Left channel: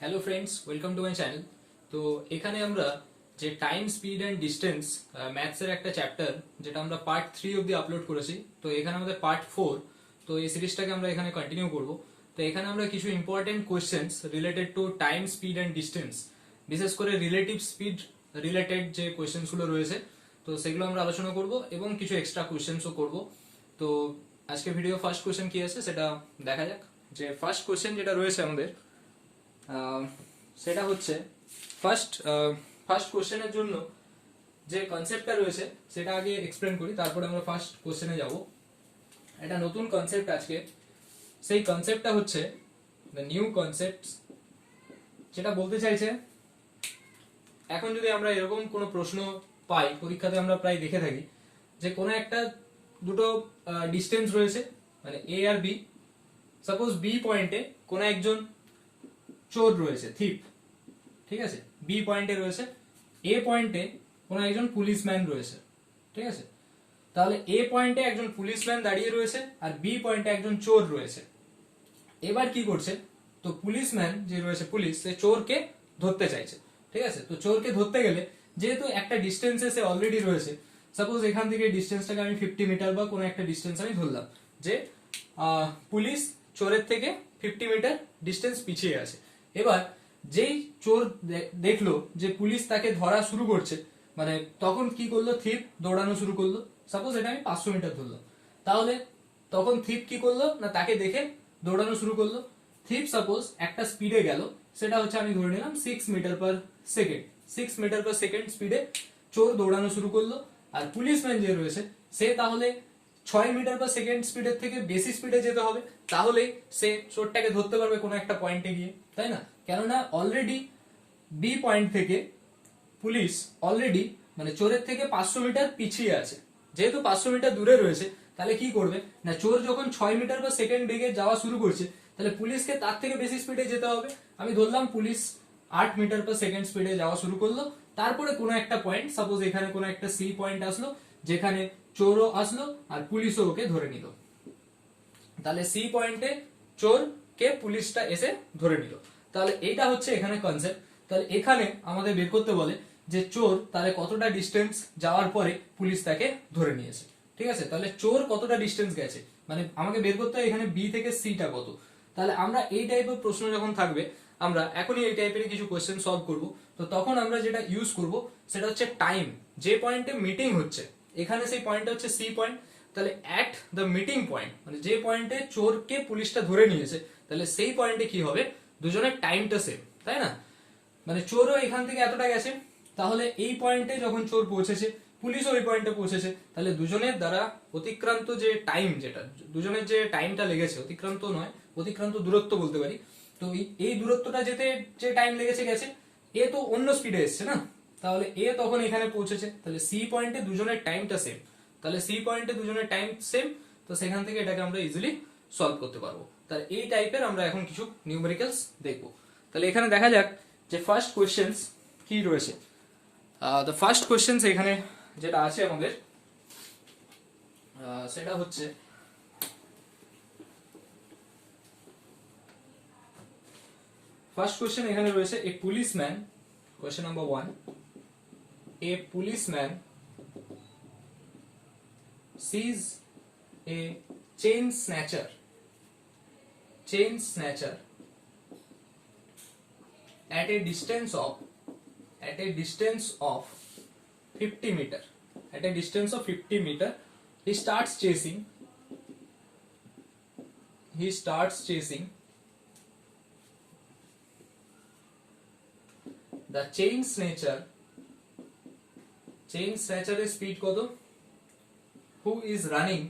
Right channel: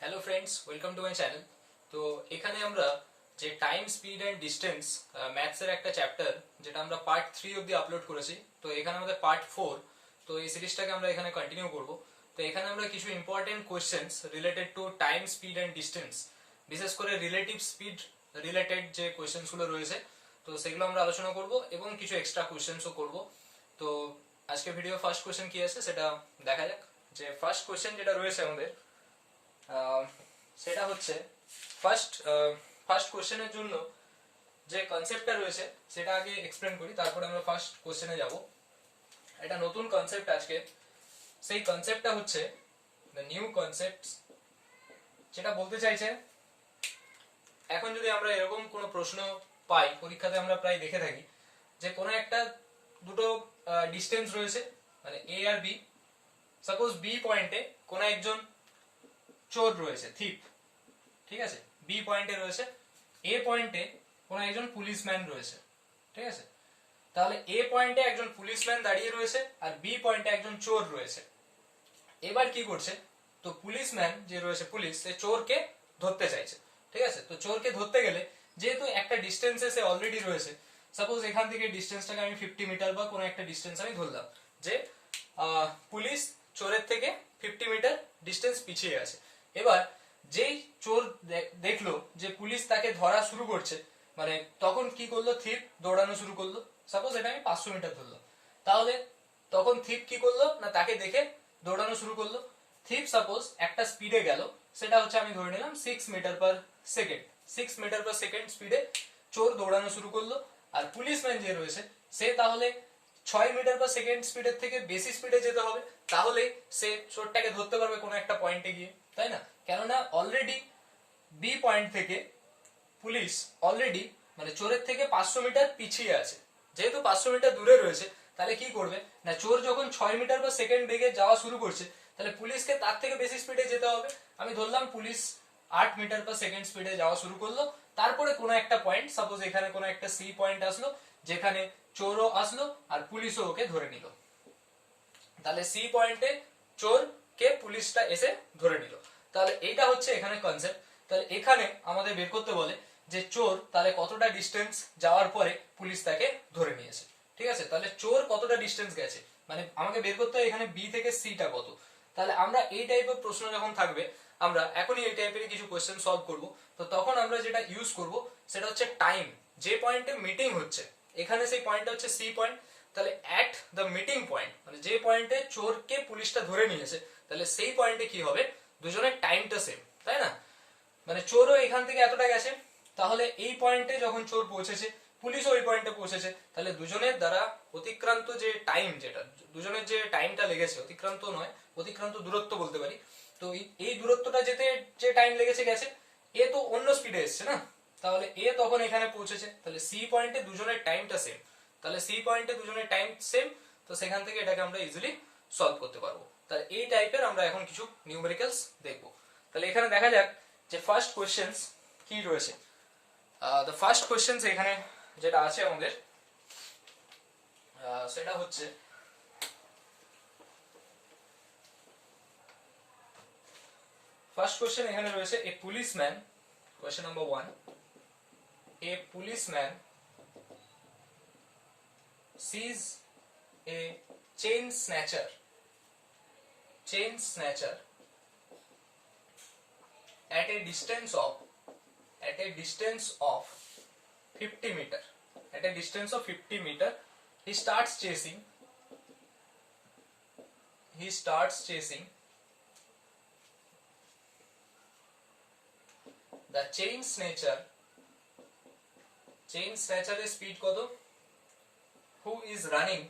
Hello friends, welcome to my channel. তো এখানে আমরা যে টাইম স্পিড অ্যান্ড ডিস্টেন্স ম্যাথসের একটা চ্যাপ্টার যেটা আমরা পার্ট 3 অবধি আপলোড করেছি, তো এখানে আমাদের পার্ট 4। তো এই সিরিজটাকে আমরা এখানে কন্টিনিউ করব। তো এখানে আমরা কিছু important questions related to time speed and distance, বিশেষ করে রিলেটিভ স্পিড রিলেটেড যে কোয়েশ্চেন্সগুলো রয়েছে, তো সেগুলো আমরা আলোচনা করব এবং কিছু এক্সট্রা কোয়েশ্চেন্সও করব। তো আজকে ভিডিও ফার্স্ট কোয়েশ্চেন কি আছে সেটা দেখা যাক। যে ফার্স্ট কোয়েশ্চেন যেটা রয়েছে আমাদের, সেটা হচ্ছে ফার্স্ট ফার্স্ট কোশ্চেনের জন্য যে কনসেপ্টটা রয়েছে সেটা আগে এক্সপ্লেন করি, তারপরে আমরা ফার্স্ট কোশ্চেনে যাব। এটা নতুন কনসেপ্ট আজকে। সেই কনসেপ্টটা হচ্ছে দ্য নিউ কনসেপ্ট। যেটা বলতে চাইছে, এখন যদি আমরা এরকম কোনো প্রশ্ন পাই পরীক্ষাতে, আমরা প্রায় দেখে থাকি যে কোনো একটা দুটো ডিস্টেন্স রয়েছে, মানে এ আর বি। সাপোজ বি পয়েন্টে কোনো একজন চোর রয়েছে, থিপ, ঠিক আছে। বি পয়েন্টে রয়েছে, এ পয়েন্টে কোনো একজন পুলিশম্যান রয়েছে, ঠিক আছে। তাহলে এ পয়েন্টে একজন পুলিশম্যান দাঁড়িয়ে রয়েছে আর বি পয়েন্টে একজন চোর রয়েছে। এবার কি করছে, তো পুলিশম্যান যে রয়েছে, পুলিশ, সে চোরকে ধরতে চাইছে, ঠিক আছে। তো চোরকে ধরতে গেলে যেহেতু একটা ডিস্টেন্সে সে অলরেডি রয়েছে, সাপোজ এখান থেকে ডিস্টেন্সটাকে আমি 50 মিটার বা কোনো একটা ডিস্টেন্স আমি ধরলাম যে পুলিশ চোরের থেকে 50 মিটার ডিস্টেন্স পিছিয়ে আছে। এবার যেই চোর দেখলো যে পুলিশ তাকে ধরা শুরু করছে, মানে তখন কি করলো, থিপ দৌড়ানো শুরু করলো। সাপোজ এটা আমি 500 মিটার ধরলাম, তাহলে তখন থিপ কি করলো না, তাকে দেখে দৌড়ানো শুরু করলো। থিপ সাপোজ একটা স্পিডে গেল, সেটা হচ্ছে আমি ধরে নিলাম 6 meter per second. 6 meter per second স্পিডে চোর দৌড়ানো শুরু করলো। আর পুলিশম্যান যে রয়েছে সে তাহলে 6 মিটার পার সেকেন্ড স্পিডের থেকে বেশি স্পিডে যেতে হবে, তাহলে সে চোরটাকে ধরতে পারবে কোনো একটা পয়েন্টে গিয়ে, তাই না? কেননা অলরেডি বি পয়েন্ট থেকে পুলিশ অলরেডি মানে চোরের থেকে 500 মিটার পিছিয়ে আছে। যেহেতু 500 মিটার দূরে রয়েছে, তাহলে কি করবে না, চোর যখন 6 মিটার পার সেকেন্ড বেগে যাওয়া শুরু করছে, তাহলে পুলিশকে তার থেকে বেশি স্পিডে যেতে হবে। আমি ধরলাম পুলিশ 8 মিটার পার সেকেন্ড স্পিডে যাওয়া শুরু করলো। তারপরে কোনো একটা পয়েন্ট, সাপোজ এখানে কোনো একটা সি পয়েন্ট আসলো, যেখানে চোরও আসলো আর পুলিশও ওকে ধরে নিল। তাহলে সি পয়েন্টে চোরকে পুলিশটা এসে ধরে নিল। তাহলে এইটা হচ্ছে এখানে কনসেপ্ট। তাহলে এখানে আমাদের বের করতে বলে যে চোর তাহলে কতটা ডিস্টেন্স যাওয়ার পরে পুলিশ তাকে ধরে নিয়েছে, ঠিক আছে। তাহলে চোর কতটা ডিস্টেন্স গেছে, মানে আমাকে বের করতে হবে এখানে বি থেকে সিটা কত। তাহলে আমরা এই টাইপের প্রশ্ন যখন থাকবে, আমরা এখনই এই টাইপের কিছু কোশ্চেন সলভ করব। তো তখন আমরা যেটা ইউজ করব সেটা হচ্ছে টাইম। যে পয়েন্টে মিটিং হচ্ছে, এখানে সেই পয়েন্টটা হচ্ছে সি পয়েন্ট। তাহলে অ্যাট দ্য মিটিং পয়েন্ট, মানে যে পয়েন্টে চোরকে পুলিশটা ধরে নিয়েছে, তাহলে সেই পয়েন্টে কি হবে, দুজনের টাইমটা সেম, তাই না? মানে চোরও এখান থেকে এতটা গেছে, তাহলে এই পয়েন্টে যখন চোর পৌঁছেছে, পুলিশও ওই পয়েন্টে পৌঁছেছে, তাহলে দুজনের দ্বারা অতিক্রান্ত যে টাইম, যেটা দুজনের যে টাইমটা লেগেছে, অতিক্রান্ত নয়, অতিক্রান্ত দূরত্ব বলতে পারি। তো এই দূরত্বটা যেতে যে টাইম লেগেছে গেছে, এ তো অন্য স্পিডে এসছে না, তাহলে এ তখন এখানে পৌঁছেছে, তাহলে সি পয়েন্টে দুজনের টাইমটা সেম। তাহলে সি পয়েন্টে দুজনের টাইম সেম, তো সেখান থেকে এটাকে আমরা ইজিলি সলভ করতে পারবো। তাহলে এই টাইপের আমরা এখন কিছু নিউমেরিক্যালস দেখবো। তাহলে এখানে দেখা যাক যে ফার্স্ট কোয়েশ্চেন্স কি রয়েছে। দ্য ফার্স্ট কোয়েশ্চেন্স এখানে যেটা আছে আমাদের, সেটা হচ্ছে ফার্স্ট কোয়েশ্চেন এখানে রয়েছে এ policeman, question number 1, A policeman sees a chain snatcher at a distance of 50 meter. At a distance of 50 meter, he starts chasing the chain snatcher এর স্পিড কত, who is running,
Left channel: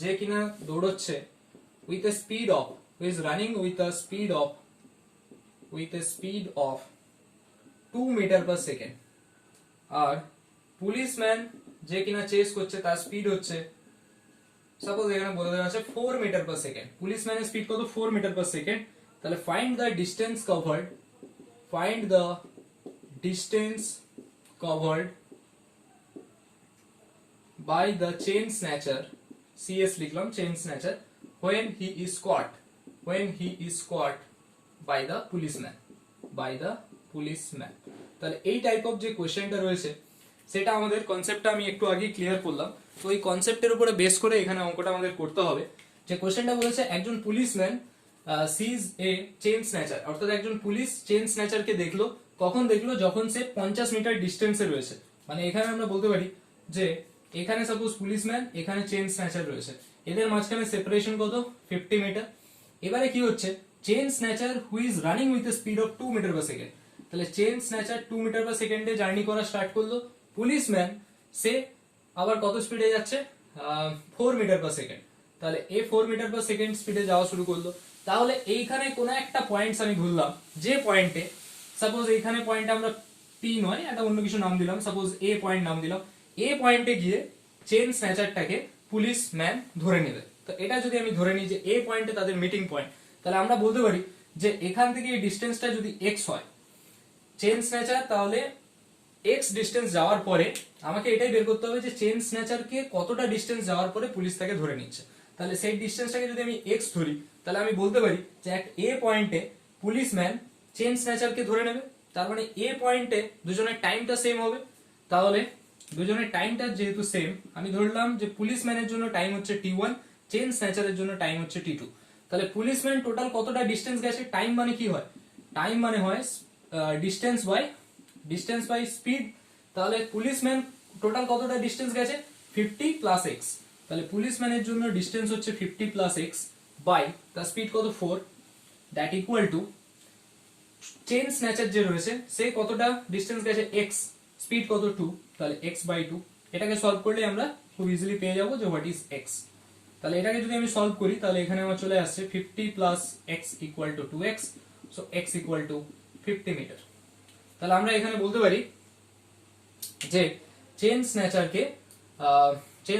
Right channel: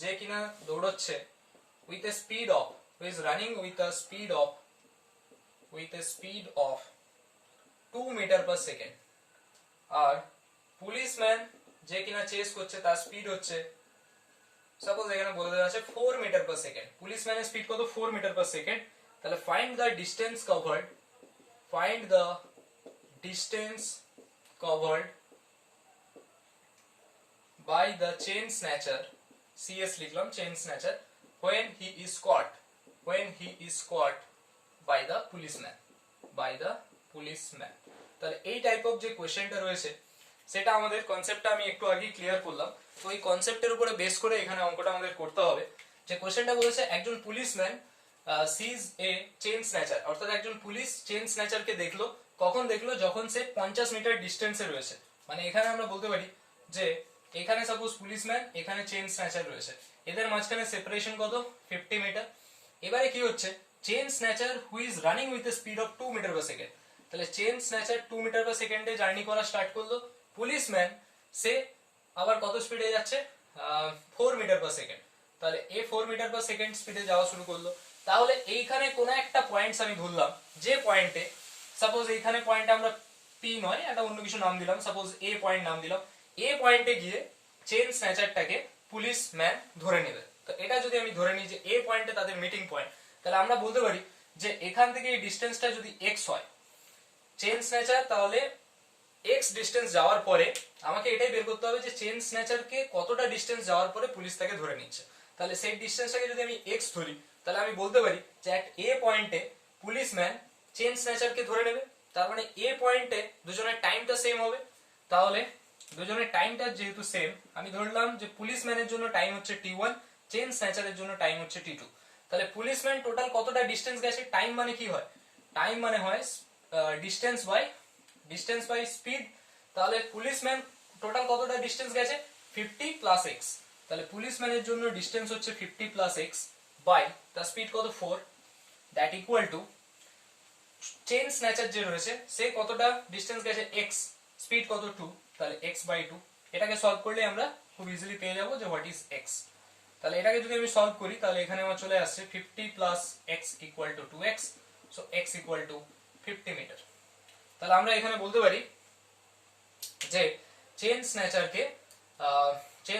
যে কিনা দৌড়চ্ছে, with a speed of, who is running with a speed of 2 meter per second, R policeman যে কিনা chess করছে তার speed হচ্ছে, suppose এখানে বলে দেওয়া আছে 4 মিটার পার সেকেন্ড। পুলিশম্যানের স্পিড কত, 4 মিটার পার সেকেন্ড। তাহলে find the distance covered by the chain snatcher, CS লিখলাম, chain snatcher, when he is caught by the policeman, by the policeman. তাহলে এই টাইপ অফ যে কোশ্চেনটা রয়েছে সেটা আমাদের কনসেপ্টটা আমি একটু আগে ক্লিয়ার করলাম। তো এই কনসেপ্টের উপরে বেস করে এখানে অঙ্কটা আমাদের করতে হবে। যে কোশ্চেনটা বলেছে একজন policeman seize a chain snatcher, অর্থাৎ একজন পুলিশ চেইন স্ন্যাচারকে দেখলো। কখন দেখলো? যখন সে 50 মিটার ডিস্টেন্সে রয়েছে। মানে এখানে আমরা বলতে পারি যে এখানে সাপোজ পুলিশম্যান, এখানে চেইন স্ন্যাচার রয়েছে, এদের মাঝখানে সেপারেশন কত? 50 মিটার। এবারে কি হচ্ছে? Chain snatcher who is running with a speed of 2 meter per second. তাহলে চেইন স্ন্যাচার 2 মিটার পার সেকেন্ডে জার্নি করা স্টার্ট করলো। পুলিশম্যান সে আবার কত স্পিডে যাচ্ছে? 4 মিটার পার সেকেন্ড। তাহলে এ 4 মিটার পার সেকেন্ড স্পিডে যাওয়া শুরু করলো। তাহলে এইখানে কোনো একটা পয়েন্টস আমি ধরলাম, যে পয়েন্টে সাপোজ এইখানে পয়েন্ট আমরা পি নয়, একটা অন্য কিছু নাম দিলাম, সাপোজ এ পয়েন্ট নাম দিলাম। এ পয়েন্টে গিয়ে চেইন স্ন্যাচারটাকে পুলিশম্যান ধরে নেবে। তো এটা যদি আমি ধরে নিই যে এ পয়েন্টে তাদের মিটিং পয়েন্ট, তাহলে আমরা বলতে পারি যে এখান থেকে এই ডিস্টেন্সটা যদি এক্স হয় চেইন স্ন্যাচার, তাহলে এক্স ডিস্টেন্স যাওয়ার পরে আমাকে এটাই বের করতে হবে যে চেইন স্ন্যাচারকে কতটা ডিস্টেন্স যাওয়ার পরে পুলিশ তাকে ধরে নিচ্ছে। তাহলে সেই ডিস্টেন্সটাকে যদি আমি এক্স ধরি, তাহলে আমি বলতে পারি যে এক এ পয়েন্টে পুলিশম্যান চেইন স্ন্যাচারকে ধরে নেবে। তার মানে এ পয়েন্টে দুজনের টাইমটা সেম হবে। তাহলে দুজনের টাইমটা যেহেতু সেম, আমি ধরলাম যে পুলিশম্যানের জন্য টাইম হচ্ছে t1, চেইন স্ন্যাচারের জন্য টাইম হচ্ছে t2। তাহলে পুলিশম্যান টোটাল কতটা ডিস্টেন্স গেছে? টাইম মানে কি হয়? টাইম মানে হয় ডিস্টেন্স বাই স্পিড। তাহলে পুলিশম্যান টোটাল কতটা ডিস্টেন্স গেছে? 50 প্লাস এক্স। তাহলে পুলিশম্যানের জন্য ডিস্টেন্স হচ্ছে 50 প্লাস এক্স বাই তার স্পিড কত? 4, that equal two chain snatcher যে রয়েছে সে কতটা ডিস্টেন্স গেছে? এক্স, স্পিড কত? 2, তাহলে এক্স বাই 2। এটাকে সলভ করলে আমরা খুব ইজিলি পেয়ে যাবো যে হোয়াট ইজ এক্স। তাহলে এটাকে যদি আমি সলভ করি তাহলে এখানে আমার চলে আসছে 50 plus x equal to 2x, so x equal to 50 meter. তাহলে আমরা এখানে বলতে পারি যে চেইন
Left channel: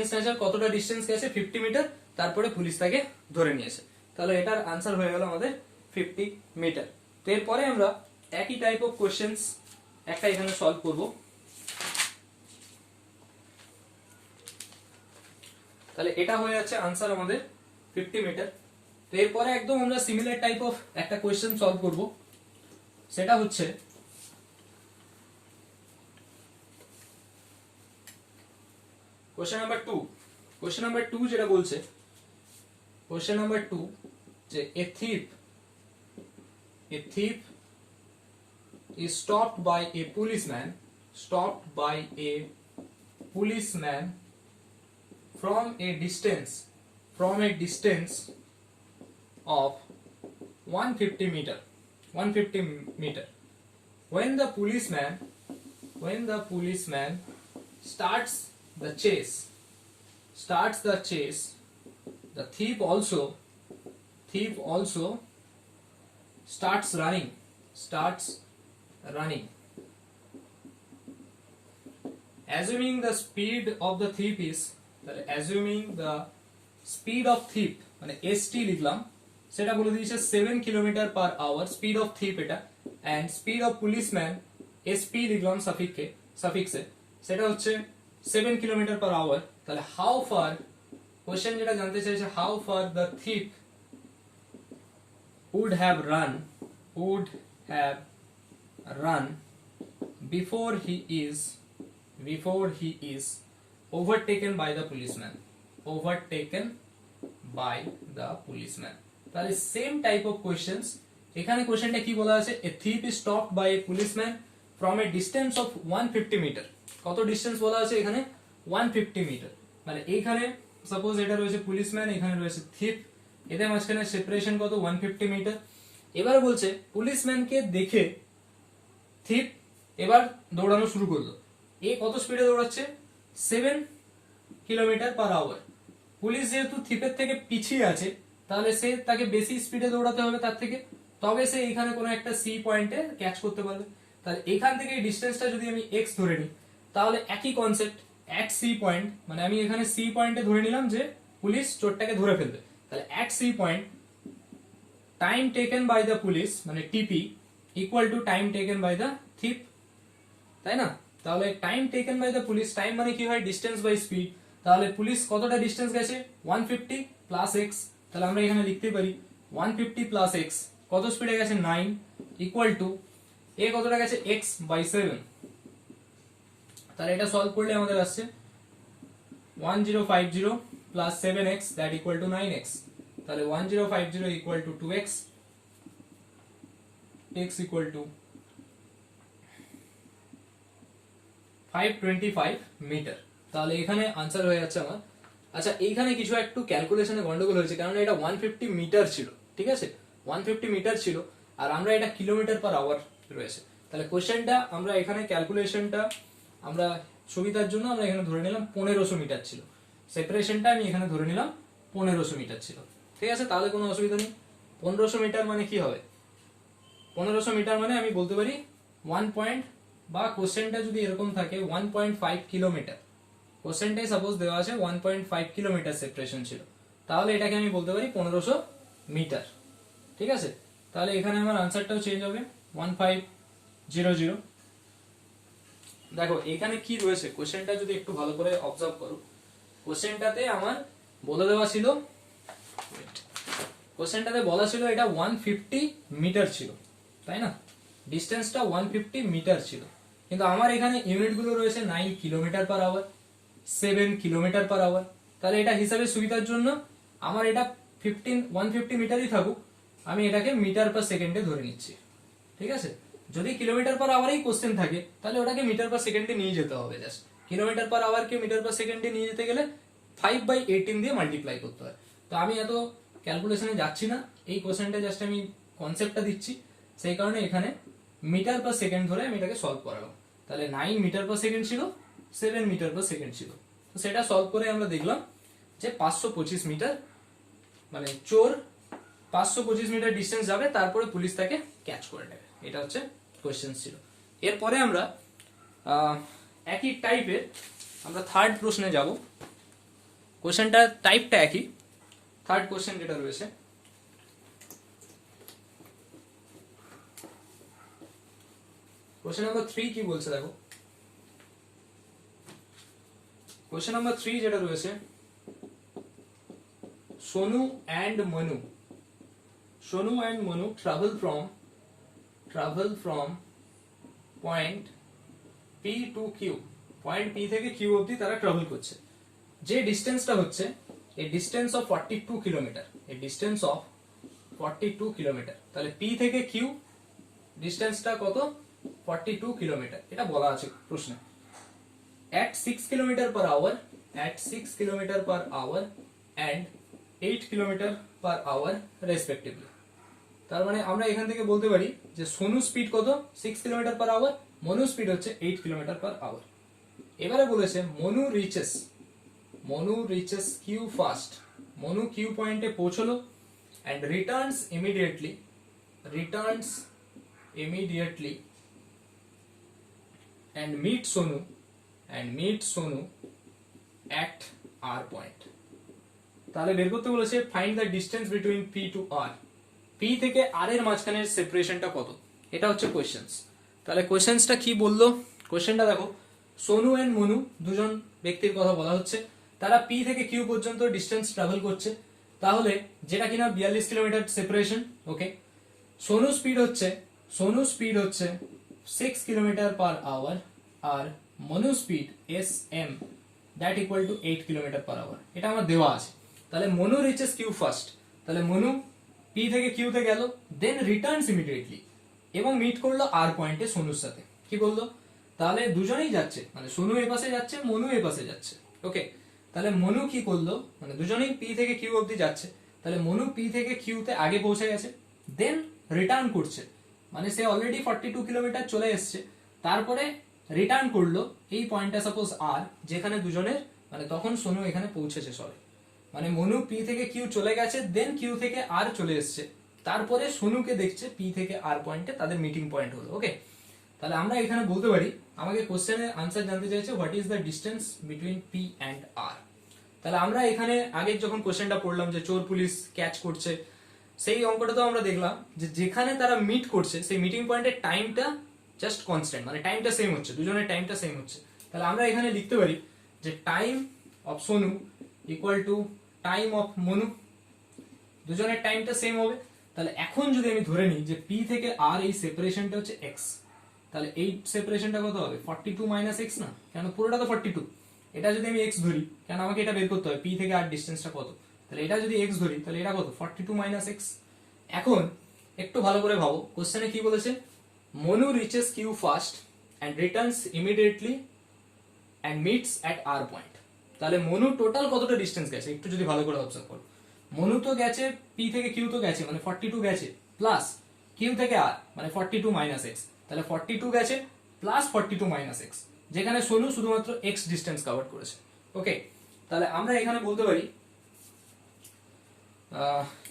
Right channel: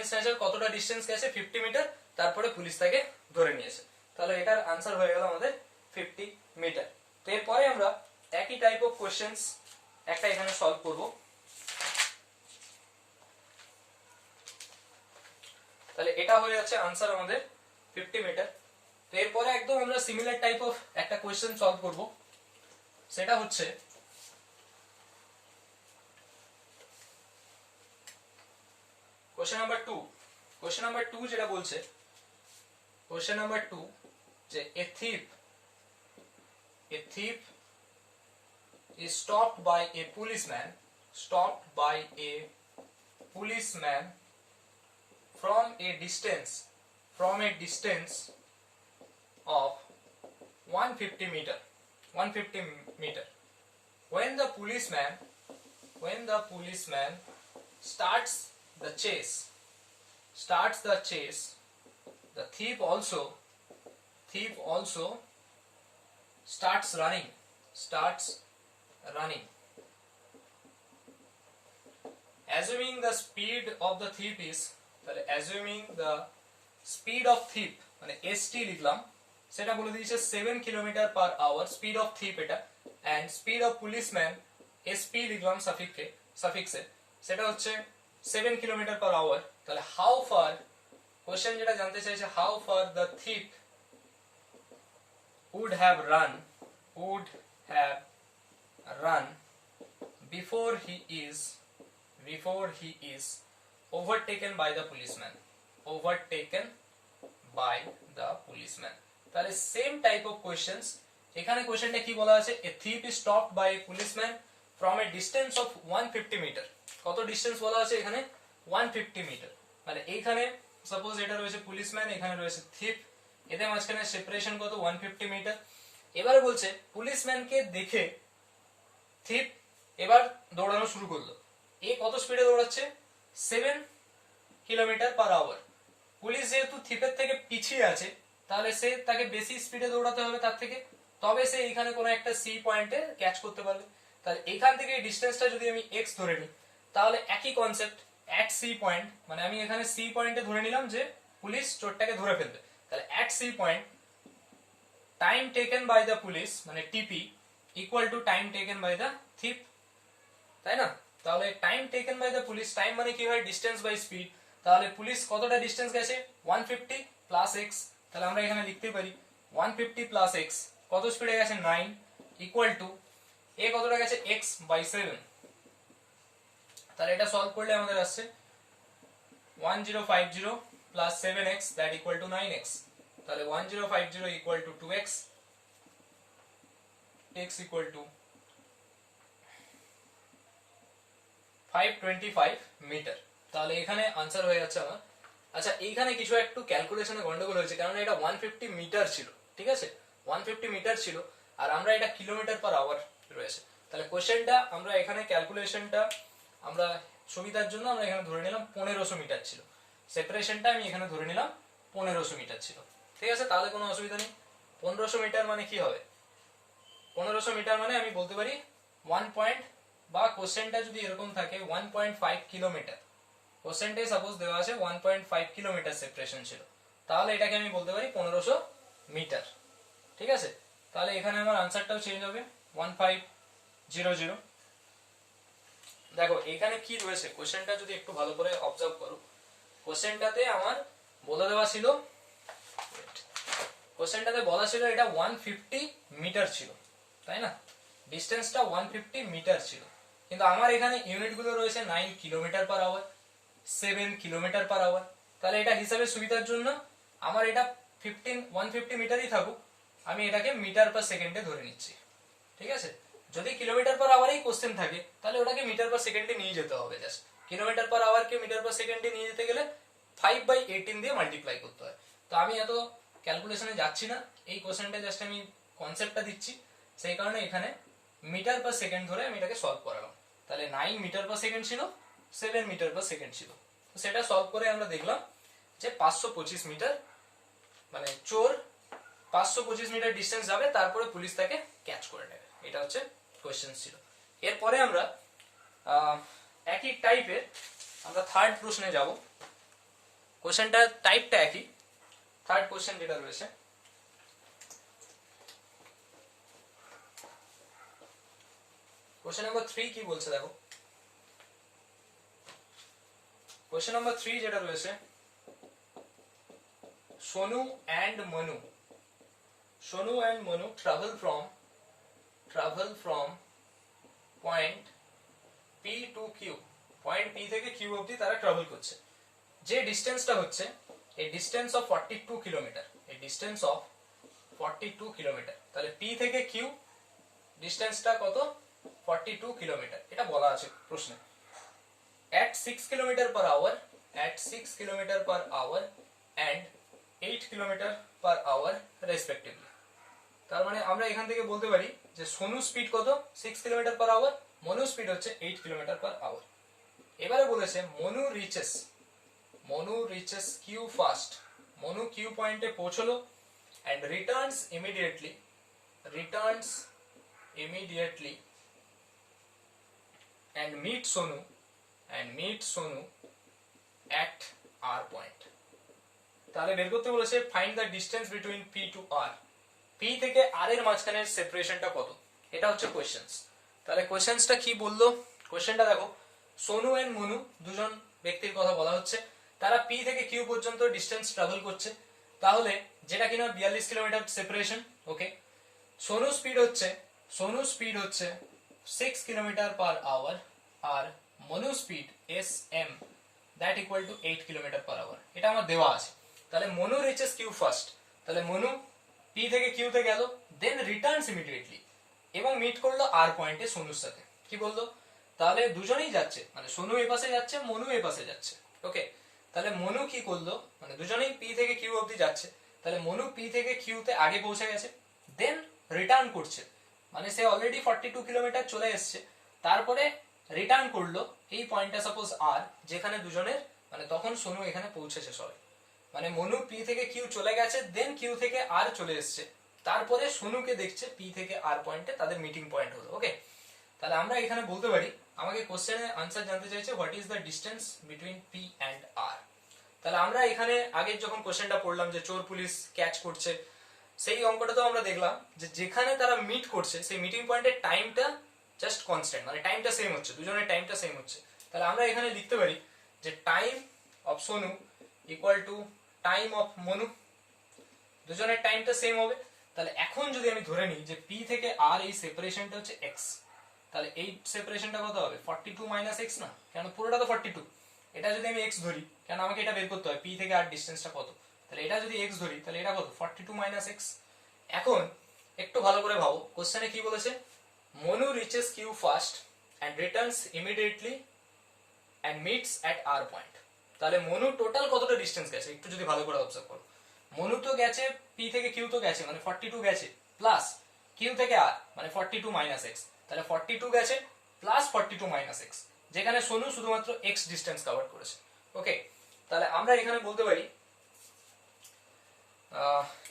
স্ন্যাচার কতটা ডিস্টেন্স গেছে? 50 মিটার, তারপরে পুলিশ তাকে ধরে নিয়েছে। তাহলে এটার আনসার হয়ে গেল আমাদের 50 মিটার। তো এরপরে আমরা একই টাইপ অফ কোশ্চেন্স একটা এখানে সলভ করব। তাহলে এটা হয়ে যাচ্ছে আনসার আমাদের 50 মিটার। তো এরপরে একদম আমরা সিমিলার টাইপ অফ একটা কোশ্চেন সলভ করব। সেটা হচ্ছে কোশ্চেন নাম্বার 2। কোশ্চেন নাম্বার 2 যেটা বলছে, কোশ্চেন নাম্বার 2 যে a thief is stopped by a policeman from a distance of 150 meter. When the policeman starts the chase, the thief also starts running. Assuming the speed of the thief is, মানে st লিখলাম, সেটা বলে দিয়েছে 7 kilometre per hour speed of thief এটা, and speed of policeman sp লিখলাম সাফিক্সে, সেটা হচ্ছে 7 কিলোমিটার পার আওয়ার। তাহলে হাউ ফার, কোশ্চেন যেটা জানতে চাইছে, how far the thief would have run before he is overtaken by the policeman. তাহলে সেম টাইপ অফ কোশ্চেন্স এখানে। কোশ্চেনটা কি বলা আছে? a thief is stopped by a policeman from a distance of 150 meter. কত ডিস্টেন্স বলা আছে এখানে? 150 মিটার। মানে এইখানে সাপোজ এটা রয়েছে পুলিশম্যান, এখানে রয়েছে থিপ, এদের মাঝখানে সেপারেশন কত? 150 মিটার। এবারে বলছে পুলিশম্যানকে দেখে থিপ এবার দৌড়ানো শুরু করলো। এ কত স্পিডে দৌড়াচ্ছে? 7 কিলোমিটার পার আওয়ার। পুলিশ যেহেতু থিপের থেকে পিছিয়ে আছে, তাহলে সে তাকে বেশি স্পিডে দৌড়াতে হবে তার থেকে, তবে সে এখানে কোনো একটা সি পয়েন্টে ক্যাচ করতে পারবে। তাহলে এখান থেকে এই ডিস্টেন্সটা যদি আমি এক্স ধরে নিই, তাহলে একই কনসেপ্ট, এক সি পয়েন্ট, মানে আমি এখানে সি পয়েন্টে ধরে নিলাম যে পুলিশ চোরটাকে ধরে ফেলবে। তাহলে এক C point, time taken by the police মানে TP equal to time taken by the thief, তাই না? তাহলে time taken by the police, time মানে কি হয়? Distance by speed. তাহলে পুলিশ কতটা ডিস্টেন্স গেছে? 150 প্লাস এক্স। তাহলে আমরা এখানে লিখতে পারি 150 প্লাস এক্স কত স্পিডে গেছে? 9 ইকুয়াল টু এ কতটা গেছে x/7, তাহলে এটা সলভ করলে আমাদের আসছে 1050 plus 7x that equal two 9x, তাহলে 1050 equal to 2x, x equal to 525 meter. তাহলে এখানে আনসার হয়ে যাচ্ছে আমার। আচ্ছা এইখানে কিছু একটু ক্যালকুলেশনে গন্ডগোল হয়েছে, কারণ এটা 150 মিটার ছিল, ঠিক আছে 150 মিটার ছিল, আর আমরা এটা কিলোমিটার পার আওয়ার রয়েছে। তাহলে কোশ্চেনটা আমরা এখানে ক্যালকুলেশনটা আমরা সুবিধার জন্য আমরা এখানে ধরে নিলাম 1500 মিটার ছিল, সেপারেশনটা আমি এখানে ধরে নিলাম 1500 মিটার ছিল, ঠিক আছে। তাহলে কোনো অসুবিধা নেই। 1500 মিটার মানে কি হবে, 1500 মিটার মানে আমি বলতে পারি 1 পয়েন্ট, বা কোশ্চেনটা যদি এরকম থাকে 1.5 কিলোমিটার, কোশ্চেনটাই সাপোজ দেওয়া আছে 1.5 কিলোমিটার সেপারেশন ছিল, তাহলে এটাকে আমি বলতে পারি 1500 মিটার, ঠিক আছে। তাহলে এখানে আমার আনসারটাও চেঞ্জ হবে 1500। দেখো এখানে কি রয়েছে, কোশ্চেনটা যদি একটু ভালো করে অবজার্ভ করো, কোশ্চেনটাতে আমার বলে দেওয়া ছিল, কোশ্চেনটাতে বলা ছিল এটা 150 মিটার ছিল, তাই না, ডিস্টেন্সটা 150 মিটার ছিল, কিন্তু আমার এখানে ইউনিট গুলো রয়েছে 9 kilometer per hour, 7 kilometre per hour. তাহলে এটা হিসাবে সুবিধার জন্য আমার এটা 150 মিটারই থাকুক, আমি এটাকে মিটার পার সেকেন্ডে ধরে নিচ্ছি, ঠিক আছে। যদি কিলোমিটার পার আওয়ারেই কোশ্চেন থাকে তাহলে ওটাকে মিটার পার সেকেন্ডে নিয়ে যেতে হবে, জাস্ট কিলোমিটার পার আওয়ারকে মিটার পার সেকেন্ডে নিয়ে যেতে গেলে 5/18 দিয়ে মাল্টিপ্লাই করতে হয়। তো আমি এত ক্যালকুলেশনে যাচ্ছি না, এই কোশ্চেনটা জাস্ট আমি কনসেপ্টটা দিচ্ছি, সেই কারণে এখানে মিটার পার সেকেন্ড ধরে আমি এটাকে সলভ করালাম। তাহলে 9 মিটার পার সেকেন্ড ছিল, 7 মিটার পার সেকেন্ড ছিল, তো সেটা সলভ করে আমরা দেখলাম যে 525 মিটার, মানে চোর 525 মিটার ডিস্টেন্স যাবে, তারপরে পুলিশ তাকে ক্যাচ করে নেবে। এটা হচ্ছে কোশ্চেন ছিল। এরপরে আমরা একই টাইপের আমরা থার্ড প্রশ্নে যাব। কোশ্চেনটা টাইপটা একই, থার্ড কোশ্চেন যেটা রয়েছে, কোশ্চেন নাম্বার 3 কি বলছে দেখো। কোশ্চেন নাম্বার 3 যেটা রয়েছে, Sonu and Manu travel from point P to Q, point P থেকে কিউ অবধি তারা ট্রাভেল করছে। যে ডিস্টেন্সটা হচ্ছে এই ডিস্টেন্স অফ 42 কিলোমিটার, এই ডিস্টেন্স অফ 42 কিলোমিটার। তাহলে পি থেকে কিউ ডিস্টেন্সটা কত, 42 কিলোমিটার, এটা বলা আছে প্রশ্নে। at 6 kilometer per hour, at 6 kilometer per hour and 8 kilometer per hour respectively. তার মানে আমরা এখান থেকে বলতে পারি যে সোনু স্পিড কত, 6 kilometer per hour, Manu speed হচ্ছে 8 কিলোমিটার পার আওয়ার। এবারে বলেছে Manu reaches Q first, Manu Q পয়েন্টে পৌঁছলো and returns immediately and meet Sonu at R point. তাহলে বের করতে বলেছে find the distance between P to R, P থেকে আর এর মাঝখানের সেপারেশনটা কত, এটা হচ্ছে কোশ্চেন্স। তাহলে কোশ্চেন্সটা কি বললো, কোশ্চেনটা দেখো, সোনু এন্ড মনু দুজন ব্যক্তির কথা বলা হচ্ছে, তারা পি থেকে কিউ পর্যন্ত ডিস্টেন্স ট্রাভেল করছে, তাহলে যেটা কিনা 42 kilometer separation, okay. Sonu speed হচ্ছে 6 কিলোমিটার পার আওয়ার, আর Manu speed SM that equal to 8 kilometer per hour, এটা আমার দেওয়া আছে। তাহলে মনু রিচেস কিউ ফার্স্ট, তাহলে মনু পি থেকে কিউতে গেল, দেন রিটার্নস ইমিডিয়েটলি এবং মিট করলো আর পয়েন্টে সোনুর সাথে। কি বললো, তাহলে দুজনেই যাচ্ছে, মানে সোনু এ পাশে যাচ্ছে, মনু এ পাশে যাচ্ছে, ওকে। তাহলে মনু কি করলো, মানে দুজনেই পি থেকে কিউ অবধি যাচ্ছে, তাহলে মনু পি থেকে কিউতে আগে পৌঁছে গেছে, দেন রিটার্ন করছে, মানে সে অলরেডি 42 কিলোমিটার চলে এসছে, তারপরে রিটার্ন করলো এই পয়েন্টটা সাপোজ আর, যেখানে দুজনের মানে তখন সোনু এখানে পৌঁছেছে সবাই, মানে মনু পি থেকে কিউ চলে গেছে, দেন কিউ থেকে আর চলে এসছে, তারপরে সোনুকে দেখছে পি থেকে আর পয়েন্টে, তাদের মিটিং পয়েন্ট হলো, ওকে। তাহলে আমরা এখানে বলতে পারি, আমাকে কোশ্চেনের আনসার জানতে চাইছে what is the distance between P and R. তাহলে আমরা এখানে আগের যখন কোশ্চেনটা পড়লাম যে চোর পুলিশ ক্যাচ করছে, সেই অঙ্কটাতেও আমরা দেখলাম যে যেখানে তারা মিট করছে সেই মিটিং পয়েন্টের টাইমটা জাস্ট কনস্ট্যান্ট, মানে টাইমটা সেম হচ্ছে, দুজনের টাইমটা সেম হচ্ছে। তাহলে আমরা এখানে লিখতে পারি যে time of Sonu equal to time of Manu, দুজনের টাইমটা সেম হবে। তাহলে এখন যদি আমি ধরে নিই যে পি থেকে আর এই সেপারেশনটা হচ্ছে এক্স, তাহলে এই সেপারেশনটা কত হবে 42 মাইনাস এক্স না, কেন পুরোটা তো 42, এটা যদি আমি এক্স ধরি, কেন আমাকে এটা বের করতে হবে পি থেকে আর ডিস্টেন্সটা কত, তাহলে এটা যদি এক্স ধরি তাহলে এটা কত 42 মাইনাস এক্স। এখন একটু ভালো করে ভাবো কোশ্চেনে কি বলেছে, Manu reaches Q first and returns immediately and meets at R point. তাহলে মনু টোটাল কতটা ডিস্টেন্স গেছে একটু যদি ভালো করে অবজার্ভ করো, মনু তো গেছে পি থেকে কিউ তো গেছে মানে 42 গেছে, প্লাস কিউ থেকে আর মানে 42 মাইনাস এক্স, তাহলে 42 গেছে প্লাস 42 মাইনাস এক্স, যেখানে সোনু শুধুমাত্র এক্স ডিস্টেন্স কভার করেছে। ওকে, তাহলে আমরা এখানে বলতে পারি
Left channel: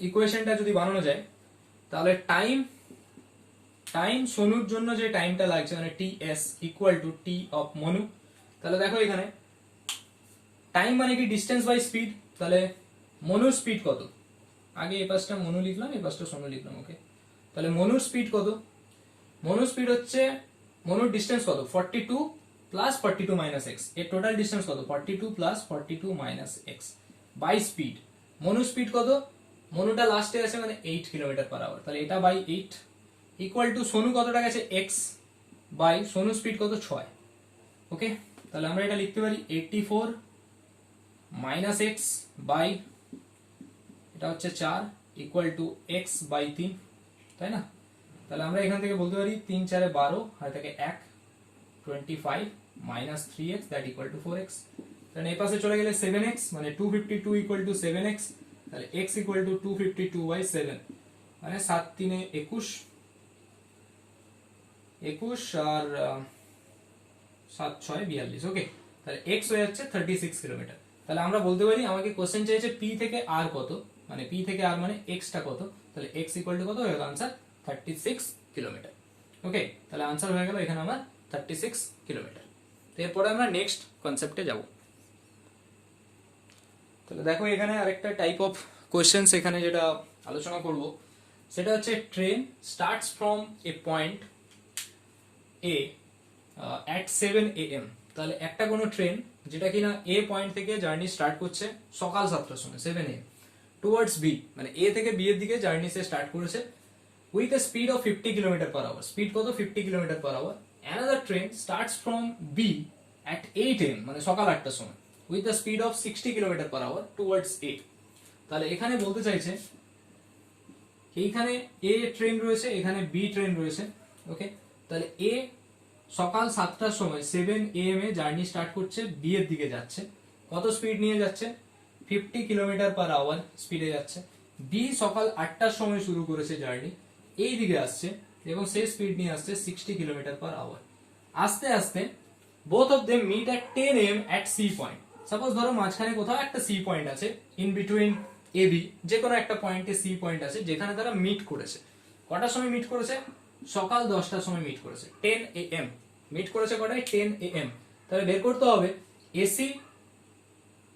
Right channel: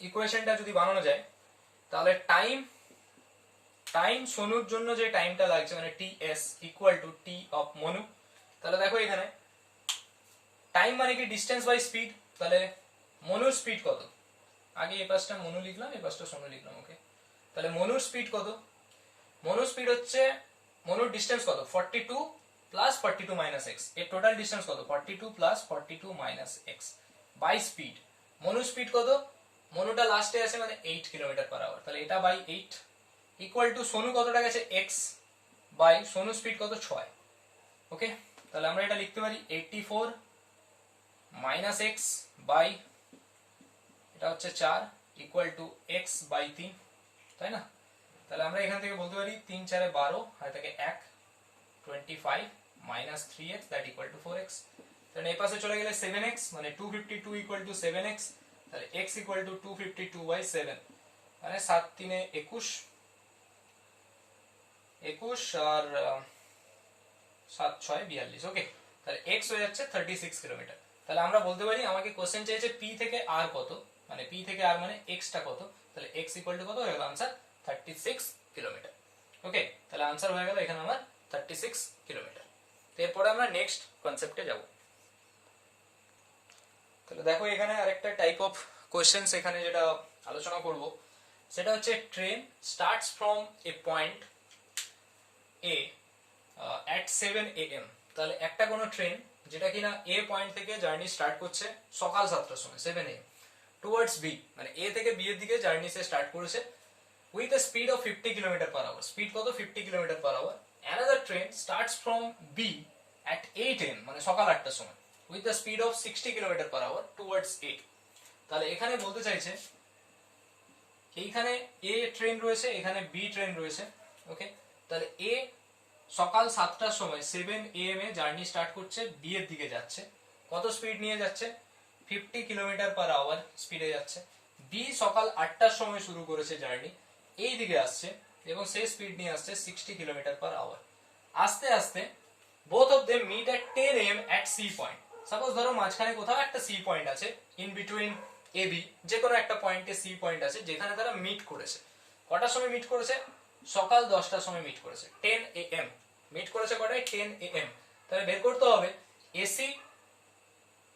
ইকুয়েশনটা যদি বানানো যায় তাহলে টাইম সোনুর জন্য যে টাইমটা লাগছে মানে T S equal to T of Manu. তাহলে দেখো এখানে টাইম মানে কি ডিস্টেন্স বাই স্পিড, তাহলে মনুর স্পিড কত, আগে এই পাশটা মনু লিখলাম এই পাশটা সোনু লিখলাম। ওকে, তাহলে মনুর স্পিড কত, মনুর স্পিড হচ্ছে মনুর ডিস্টেন্স কত 42 প্লাস 42 মাইনাস এক্স, এর টোটাল ডিস্টেন্স কত 42 plus 42 minus x by speed. মনুর স্পিড কত, মনুটা লাস্টে আছে মানে 8 কিলোমিটার পার আওয়ার, তাহলে এটা বাই 8 ইকুয়াল টু সোনু কতটা গেছে এক্স বাই সোনু স্পিড কত 6। ওকে, তাহলে আমরা এটা লিখতে পারি 84 মাইনাস এক্স বাই এটা হচ্ছে 4 ইকুয়াল টু এক্স বাই 3, তাই না? তাহলে আমরা এখান থেকে বলতে পারি 3 4 12 আর থাকে 1 25 minus 3x that equal two 4x। তাহলে এই পাশে চলে গেলে 7x মানে 252 ইকুয়াল টু 7x, তাহলে x ইকুয়াল টু 252 বাই 7 মানে 7 3 21 আর 7 6 42। ওকে, তাহলে x হয়ে যাচ্ছে 36 কিলোমিটার। তাহলে আমরা বলতে পারি আমাকে কোশ্চেন চাইছে p থেকে r কত, মানে p থেকে r মানে x টা কত, তাহলে x ইকুয়াল টু কত হয়ে গেল आंसर 36 কিলোমিটার। ওকে, তাহলে आंसर হয়ে গেল এখানে আমার 36 কিলোমিটার। এরপরে আমরা নেক্সট কনসেপ্টে যাব। তাহলে দেখো এখানে আরেকটা টাইপ অফ কোশ্চেনস এখানে যেটা আলোচনা করব সেটা হচ্ছে train starts from a point A at 7 AM। তাহলে একটা কোনো ট্রেন যেটা কিনা এ পয়েন্ট থেকে জার্নি স্টার্ট করছে সকাল 7টার সময় 7 AM টুয়ার্ডস বি, মানে এ থেকে বি এর দিকে জার্নি সে স্টার্ট করেছে with a speed of 50 kilometer per hour, speed কত 50 kilometer per hour. Another train starts from B at 8 AM মানে সকাল 8টার সময় with a speed of 60 kilometer per hour towards A. তাহলে এখানে বলতে চাইছে এইখানে এ ট্রেন রয়েছে এখানে বি ট্রেন রয়েছে। ওকে, তাহলে এ সকাল 7টার সময় 7 AM এ জার্নি স্টার্ট করছে বি এর দিকে যাচ্ছে, কত স্পিড নিয়ে যাচ্ছে 50 কিলোমিটার পার আওয়ার স্পিডে যাচ্ছে। বি সকাল 8টার সময় শুরু করেছে জার্নি, এই দিকে আসছে এবং সেই স্পিড নিয়ে আসছে 60 কিলোমিটার পার আওয়ার। আস্তে আস্তে both of them meet at 10 AM at C point। Suppose ধরো মাঝখানে কোথাও একটা সি পয়েন্ট আছে ইন বিটুইন এ বি, যে কোনো একটা পয়েন্টে সি পয়েন্ট আছে যেখানে তারা মিট করেছে। কটার সময় মিট করেছে, সকাল 10টার সময় মিট করেছে 10 AM মিট করেছে কটায় 10 AM। তাহলে বের করতে হবে এসি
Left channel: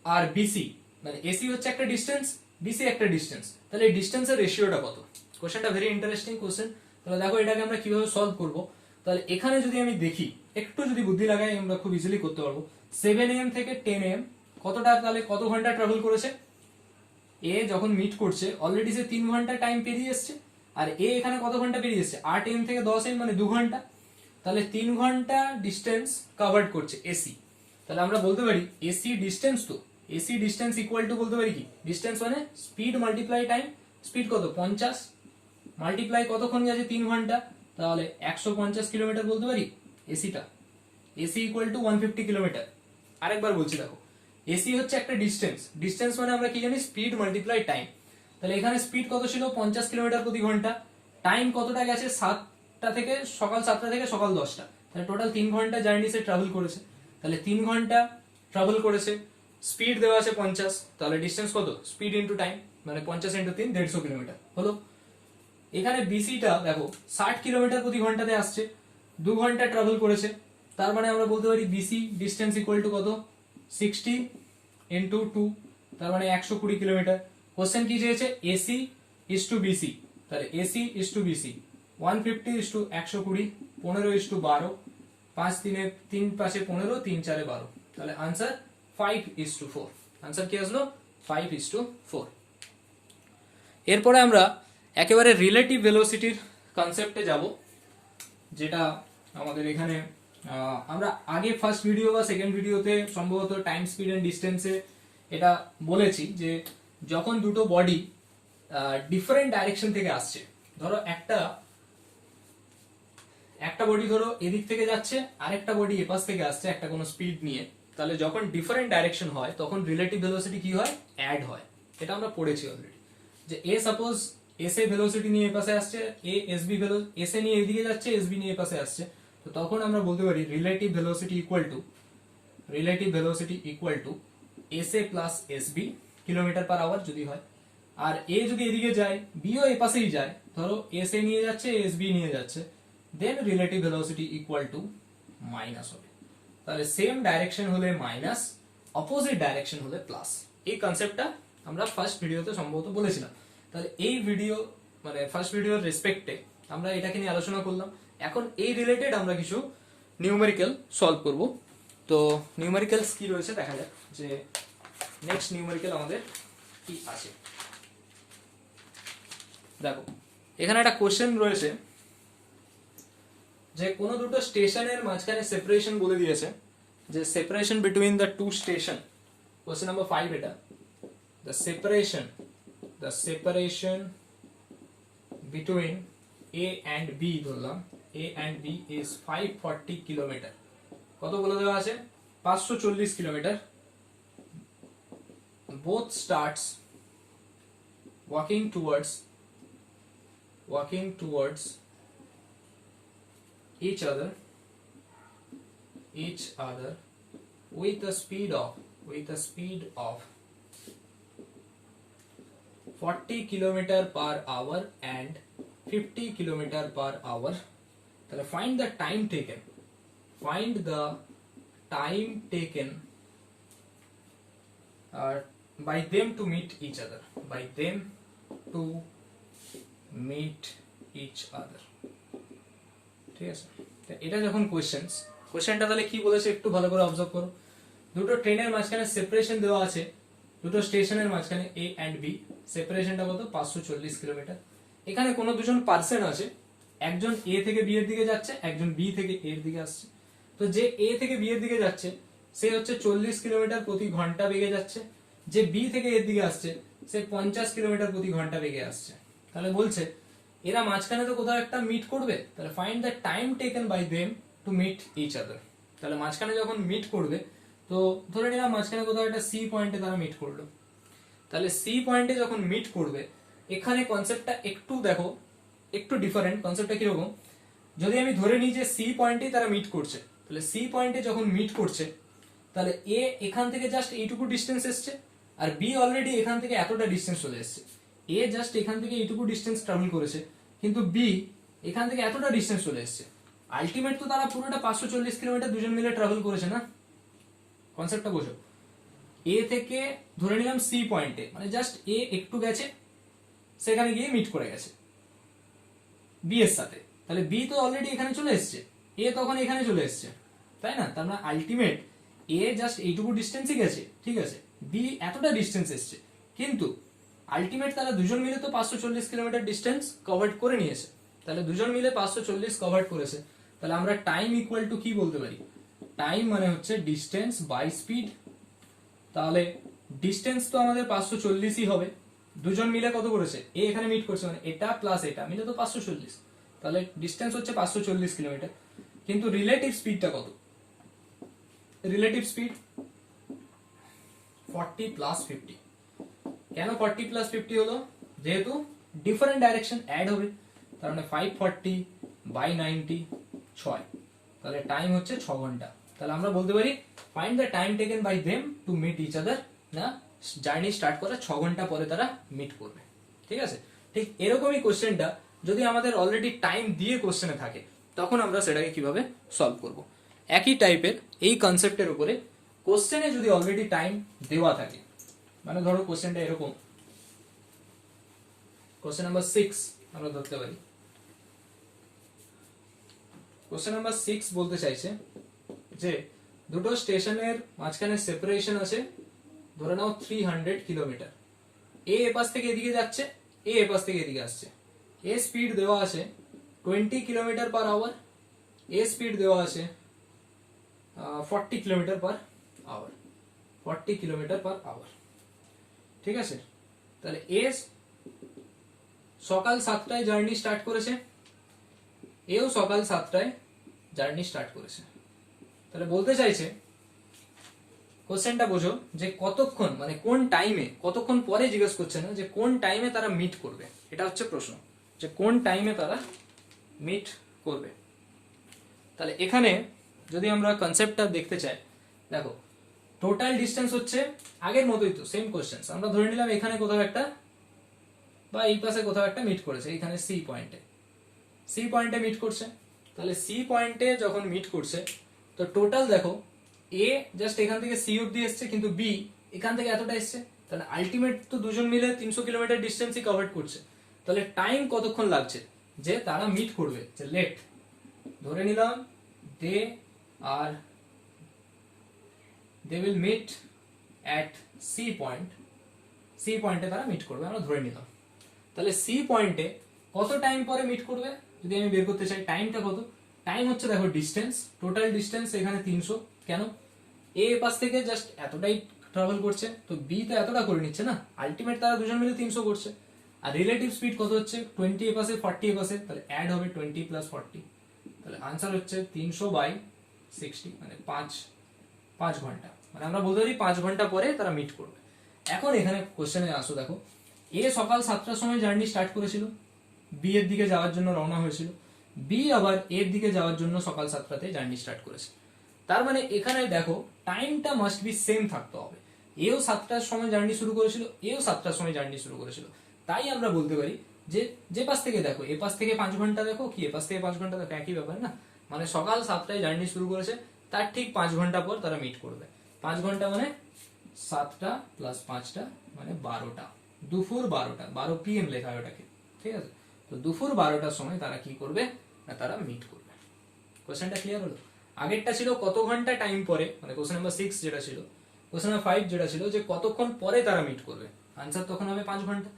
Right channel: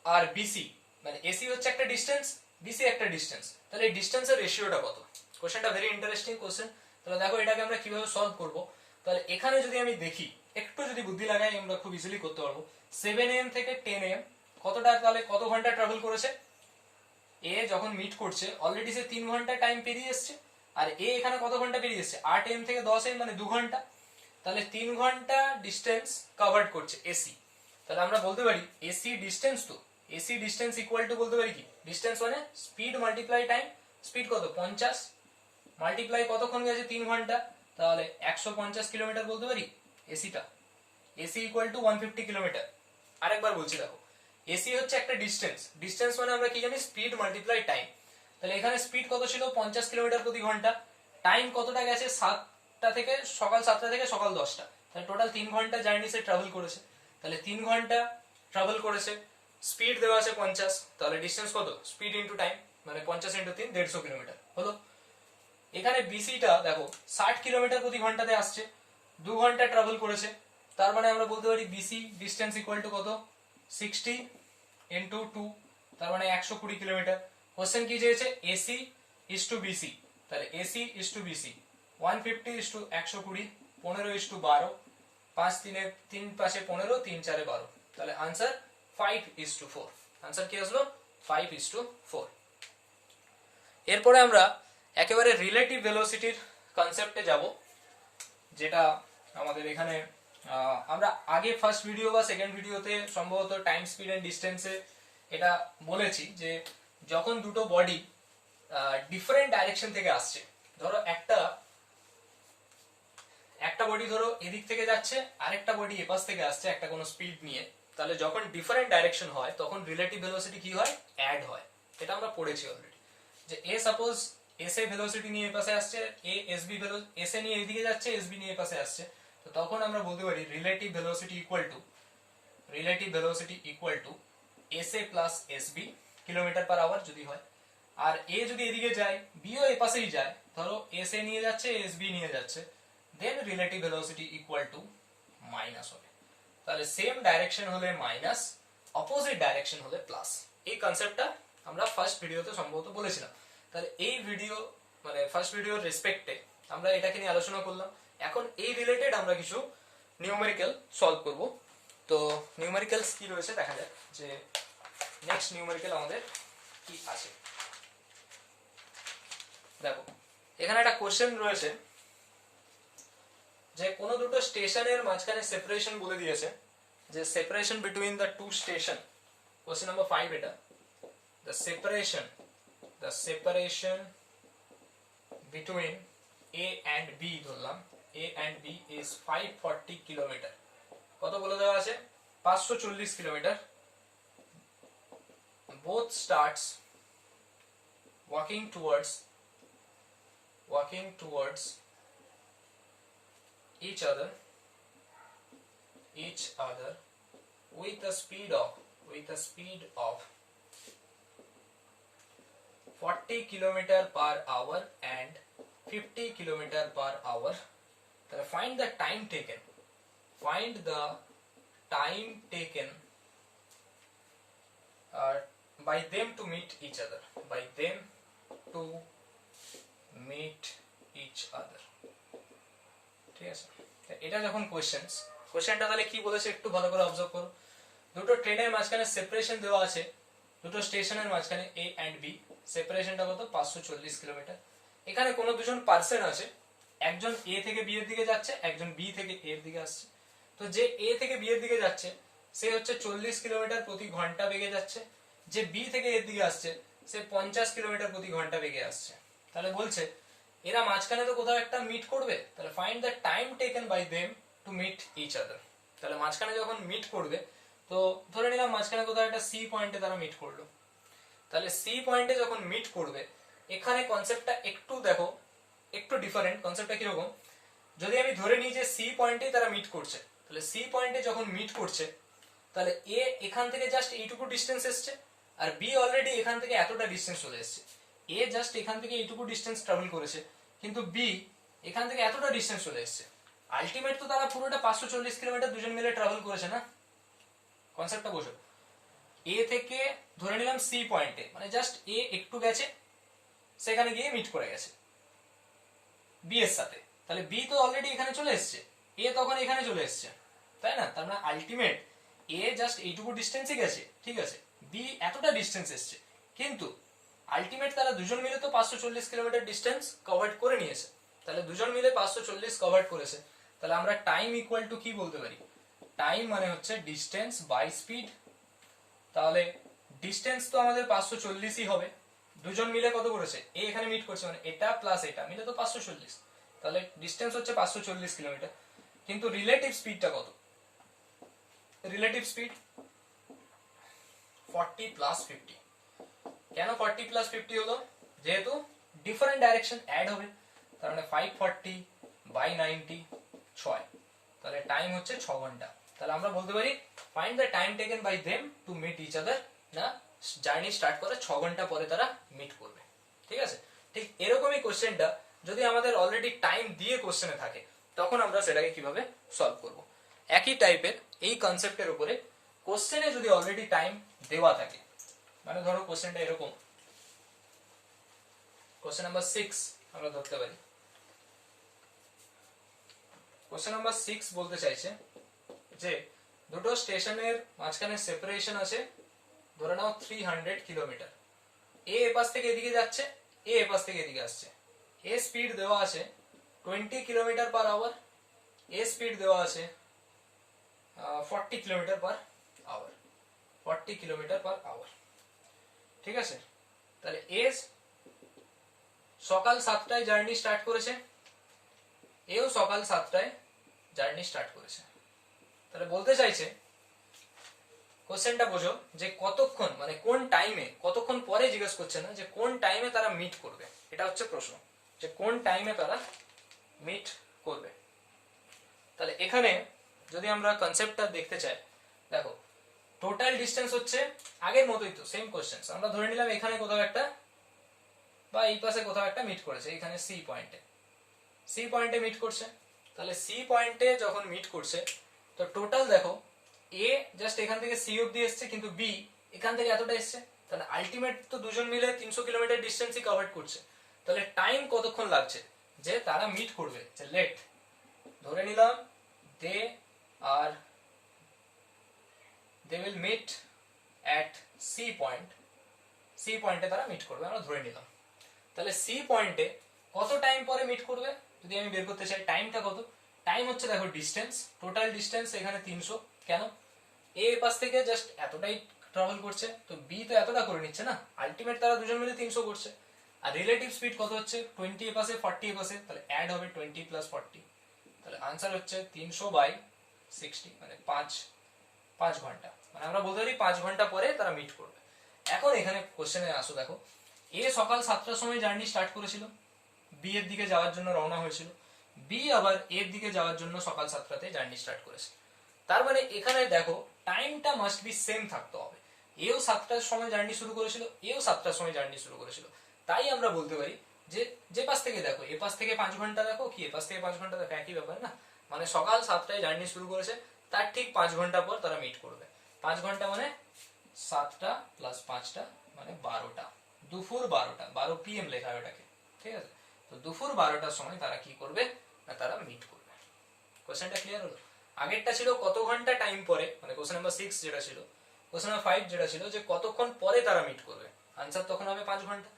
আর বিসি, মানে এসি হচ্ছে একটা ডিস্টেন্স বিসি একটা ডিস্টেন্স, তাহলে এই ডিস্টেন্সের রেশিওটা কত। কোশ্চেনটা ভেরি ইন্টারেস্টিং কোশ্চেন। তাহলে দেখো এটাকে আমরা কিভাবে সলভ করব। তাহলে এখানে যদি আমি দেখি একটু যদি বুদ্ধি লাগাই আমরা খুব ইজিলি করতে পারবো। 7 AM থেকে 10 AM কতটা, তাহলে কত ঘন্টা ট্রাভেল করেছে, এ যখন মিট করছে অলরেডি সে 3 ঘন্টা টাইম পেরিয়ে এসছে, আর এ এখানে কত ঘন্টা পেরিয়ে এসছে 8 AM থেকে 10 AM মানে 2 ঘন্টা, তাহলে 3 ঘন্টা ডিস্টেন্স কভার্ড করছে এসি। তাহলে আমরা বলতে পারি এসি ডিস্টেন্স, তো এসি ডিস্টেন্স ইকুয়াল টু বলতে পারি কি ডিস্টেন্স মানে স্পিড মাল্টিপ্লাই টাইম, স্পিড কত 50 মাল্টিপ্লাই কতক্ষণ গেছে 3 ঘন্টা, তাহলে 150 কিলোমিটার বলতে পারি এসিটা। AC equal to 150 kilometre. আরেকবার বলছি দেখো এসি হচ্ছে একটা ডিস্টেন্স, ডিস্টেন্স মানে আমরা কি জানি স্পিড মাল্টিপ্লাই টাইম। তাহলে এখানে স্পিড কত ছিল 50 কিলোমিটার প্রতি ঘন্টা, টাইম কতটা গেছে 7টা থেকে সকাল 7টা থেকে সকাল 10টা, তাহলে টোটাল 3 ঘন্টা জার্নি সে ট্রাভেল করেছে। তাহলে 3 ঘন্টা ট্রাভেল করেছে, স্পিড দেওয়া আছে 50, তাহলে ডিস্টেন্স কত স্পিড ইনটু টাইম মানে 50 ইনটু 3 150 কিলোমিটার হলো। এখানে বিসিটা দেখো 60 কিলোমিটার প্রতি ঘন্টাতে আসছে, 2 ঘন্টা ট্রাভেল করেছে, তার মানে আমরা বলতে পারি বিসি ডিস্টেন্স ইকুয়াল টু কত 60 ইনটু 2 তার মানে 120 কিলোমিটার। কোশ্চেন কি চেয়েছে এসি ইস টু বিসি, তাহলে AC is to BC 150 is to 120 15 is to 12 5 3 3 পাশে 15 3 4 12, তাহলে आंसर 5 ইস টু 4। आंसर কি আসলো 5 ইস টু 4। এরপরে আমরা একেবারে রিলেটিভ ভেলোসিটির কনসেপ্টে যাব, যেটা আমাদের এখানে আমরা আগে ফার্স্ট ভিডিও বা সেকেন্ড ভিডিওতে সম্ভবত টাইম স্পিড এন্ড ডিস্টেন্সে এটা বলেছি যে যখন দুটো বডি ডিফারেন্ট ডাইরেকশন থেকে আসছে, ধরো একটা বডি ধরো এদিক থেকে যাচ্ছে, আরেকটা বডি এপাশ থেকে আসছে একটা কোনো স্পিড নিয়ে, তাহলে যখন ডিফারেন্ট ডাইরেকশন হয় তখন রিলেটিভ ভেলোসিটি কি হয়, অ্যাড হয়। এটা আমরা পড়েছি অলরেডি, যে A suppose S A velocity নিয়ে এপাশে আসছে, A S B S A নিয়ে এদিকে যাচ্ছে, এস বি নিয়ে এপাশে আসছে, তো তখন আমরা বলতে পারি relative velocity equal to S A plus S B kilometer per hour যদি হয়। আর এ যদি এদিকে যায়, বিও এপাশেই যায়, ধরো এস এ নিয়ে যাচ্ছে, এস বি নিয়ে যাচ্ছে, then relative velocity equal to minus হবে। তাহলে সেম ডাইরেকশন হলে মাইনাস, অপোজিট ডাইরেকশন হলে প্লাস। এই কনসেপ্টটা আমরা ফার্স্ট ভিডিওতে সম্ভবত বলেছিলাম। তাহলে এই ভিডিও মানে ফার্স্ট ভিডিওর রেসপেক্টে আমরা এটাকে নিয়ে আলোচনা করলাম। এখন এই রিলেটেড আমরা কিছু নিউমেরিক্যাল সলভ করব। তো নিউমেরিক্যালস কি রয়েছে দেখা যাক, যে নেক্সট নিউমেরিক্যাল আমাদের কি আছে। দেখো এখানে একটা কোশ্চেন রয়েছে যে কোনো দুটো স্টেশনের মাঝখানে সেপারেশন বলে দিয়েছে, যে separation between the two station, question number 5 এটা, the separation between A and B ধরলাম, A and B is 540 kilometre. কত বলে দেওয়া আছে, 540 kilometre. both starts walking towards each other with a speed of 40 kilometer per hour and 50 kilometer per hour. তাহলে find the time taken by them to meet each other, ঠিক আছে। এটা যখন কোশ্চেনটা তাহলে কি বলেছে একটু ভালো করে অবজার্ভ করো। দুটো ট্রেনের মাঝখানে সেপারেশন দেওয়া আছে, দুটো স্টেশনের মাঝখানে এ এন্ড বি, সেপারেশনটা কত, 540 কিলোমিটার। এখানে কোনো দুজন পার্সন আছে, একজন এ থেকে বি এর দিকে যাচ্ছে, একজন বি থেকে এর দিকে আসছে। তো যে এ থেকে বি এর দিকে যাচ্ছে সে হচ্ছে 40 কিলোমিটার প্রতি ঘন্টা বেগে যাচ্ছে, যে বি থেকে এর দিকে আসছে সে 50 কিলোমিটার প্রতি ঘন্টা বেগে আসছে। তাহলে বলছে এরা মাঝখানে তো কোথাও একটা মিট করবে, তাহলে find the time taken by them to meet each other. তাহলে মাঝখানে যখন মিট করবে, তো ধরে নিলাম মাঝখানে কোথাও একটা সি পয়েন্টে তারা মিট করলো, তাহলে সি পয়েন্টে যখন মিট করবে, এখানে কনসেপ্টটা একটু দেখো, একটু ডিফারেন্ট। কনসেপ্টটা কিরকম, যদি আমি ধরে নিই যে সি পয়েন্টেই তারা মিট করছে, তাহলে সি পয়েন্টে যখন মিট করছে, তাহলে এ এখান থেকে জাস্ট এইটুকু ডিস্টেন্স এসছে, আর বি অলরেডি এখান থেকে এতটা ডিস্টেন্স চলে এসছে। এ জাস্ট এখান থেকে এইটুকু ডিস্টেন্স ট্রাভেল করেছে, কিন্তু বি এখান থেকে এতটা ডিস্টেন্স চলে এসছে। আলটিমেট তো তারা পুরোটা 540 কিলোমিটার দুজন মিলে ট্রাভেল করেছে না। কনসেপ্টটা বোঝো, এ থেকে ধরে নিলাম সি পয়েন্টে, মানে জাস্ট এ একটু গেছে, সেখানে গিয়ে মিট করে গেছে বি এর সাথে, তাহলে বি তো অলরেডি এখানে চলে এসছে, এ তখন এখানে চলে এসছে, তাই না? তার মানে আলটিমেট এ জাস্ট এইটুকু ডিস্টেন্সই গেছে, ঠিক আছে, বি এতটা ডিস্টেন্স এসছে, কিন্তু আলটিমেট তারা দুজন মিলে তো 540 কিলোমিটার ডিস্টেন্স কভার করে নিয়েছে। তাহলে দুজন মিলে 540 কভার করেছে, তাহলে আমরা টাইম ইকুয়াল টু কি বলতে পারি, টাইম মানে হচ্ছে ডিস্টেন্স বাই স্পিড। তাহলে ডিস্টেন্স তো আমাদের 540ই হবে, দুজন মিলে কত করেছে, এ এখানে মিট করছে, মানে এটা প্লাস এটা মিলে তো 540, তাহলে ডিস্টেন্স হচ্ছে 540 কিলোমিটার। কিন্তু রিলেটিভ স্পিডটা কত, রিলেটিভ স্পিড 40 প্লাস 50। কেন 40 প্লাস 50 হলো, যেহেতু ডিফারেন্ট ডাইরেকশন অ্যাড হবে, তার মানে 540 বাই 90 6, তাহলে টাইম হচ্ছে 6 ঘন্টা। তাহলে আমরা বলতে পারি find the time taken by them to meet each other, না জার্নি স্টার্ট করে 6 ঘন্টা পরে তারা মিট করবে, ঠিক আছে। ঠিক এরকমই কোশ্চেনটা যদি আমাদের অলরেডি টাইম দিয়ে কোশ্চেনে থাকে, তখন আমরা সেটাকে কিভাবে সলভ করব। একই টাইপের এই কনসেপ্টের উপরে কোশ্চেনে যদি অলরেডি টাইম দেওয়া থাকে, মানে ধরো কোশ্চেনটা এরকম, কোশ্চেন নাম্বার 6 আমরা ধরতে পারি। কোশ্চেন নাম্বার 6 বলতে চাইছে যে দুটো স্টেশনের মাঝখানে সেপারেশন আছে, ধরে নাও 300 কিলোমিটার। এ এপাশ থেকে এদিকে যাচ্ছে, এ এপাশ থেকে এদিকে আসছে। এ স্পিড দেওয়া আছে 20 kilometer per hour, A speed দেওয়া আছে 40 kilometer per hour, 40 kilometer per hour, ঠিক আছে। তাহলে এ সকাল 7টায় জার্নি স্টার্ট করেছে, এও সকাল 7টায় জার্নি স্টার্ট করেছে। তাহলে বলতে চাইছে, কোশ্চেনটা বোঝো যে কতক্ষণ মানে কোন টাইমে, কতক্ষণ পরে জিজ্ঞেস করছে না যে কোন টাইমে তারা মিট করবে, এটা হচ্ছে প্রশ্ন যে কোন টাইমে তারা মিট করবে। তাহলে এখানে যদি আমরা কনসেপ্টটা দেখতে চাই, দেখো টোটাল ডিস্টেন্স হচ্ছে আগের মতোই তো, সেম কোশ্চেন। আমরা ধরে নিলাম এখানে কোথাও একটা বা এই পাশে কোথাও একটা মিট করেছে, এখানে সি পয়েন্টে মিট করছে। তাহলে সি পয়েন্টে যখন মিট করছে তো টোটাল দেখো এ জাস্ট এখান থেকে সি অব্দি এসছে, কিন্তু বি এখান থেকে এতটা এসছে। তাহলে আলটিমেট তো দুজন মিলে 300 কিলোমিটার ডিস্টেন্সই কভার করছে। তাহলে টাইম কতক্ষণ লাগছে যে তারা মিট করবে, যে লেট ধরে নিলাম they will meet at C পয়েন্টে তারা মিট করবে, আমরা ধরে নিলাম। তাহলে সি পয়েন্টে কত টাইম পরে মিট করবে যদি আমি বের করতে চাই, টাইমটা কত, টাইম হচ্ছে দেখো ডিস্টেন্স, টোটাল ডিস্টেন্স এখানে 300, কেন এ পাশ থেকে জাস্ট এতটাই ট্রাভেল করছে, তো বি তো এতটা করে নিচ্ছে না, আলটিমেট তারা দুজন মিলে 300 করছে। আর রিলেটিভ স্পিড কত হচ্ছে 20 এ পাশে 40 এ পাশে, তাহলে অ্যাড হবে 20 + 40, তাহলে আনসার হচ্ছে 300/60, মানে 5 ঘন্টা, মানে আমরা বলতে পারি 5 ঘন্টা পরে তারা মিট করবে। এখন এখানে কোশ্চেনে আসো, দেখো এ সকাল 7টার সময় জার্নি স্টার্ট করেছিল, বি এর দিকে যাওয়ার জন্য রওনা হয়েছিল, বি আবার এর দিকে যাওয়ার জন্য সকাল 7টাতে জার্নি স্টার্ট করেছে। তার মানে এখানে দেখো টাইমটা মাস্ট বি সেম থাকতে হবে, এও 7টার সময় জার্নি শুরু করেছিল, এও 7টার সময় জার্নি শুরু করেছিল। তাই আমরা বলতে পারি যে যে পাশ থেকে দেখো, এ পাশ থেকে 5 ঘন্টা দেখো, কি এ পাশ থেকে 5 ঘন্টা দেখো, একই ব্যাপার না, মানে সকাল 7টায় জার্নি শুরু করেছে, তার ঠিক 5 ঘন্টা পর তারা মিট করবে। 5 ঘন্টা মানে 7টা + 5টা মানে 12টা, দুপুর 12টা, 12 PM লেখা হয় ওটাকে, ঠিক আছে। তো দুপুর 12টার সময় তারা কি করবে না, তারা মিট করবে। কোশ্চেনটা ক্লিয়ার হলো? আগেরটা ছিল কত ঘন্টা টাইম পরে, মানে কোশ্চেন নাম্বার 6 যেটা ছিল, কোশ্চেন নাম্বার 5 যেটা ছিল যে কতক্ষণ পরে তারা মিট করবে, আনসার তখন হবে 5 ঘন্টা।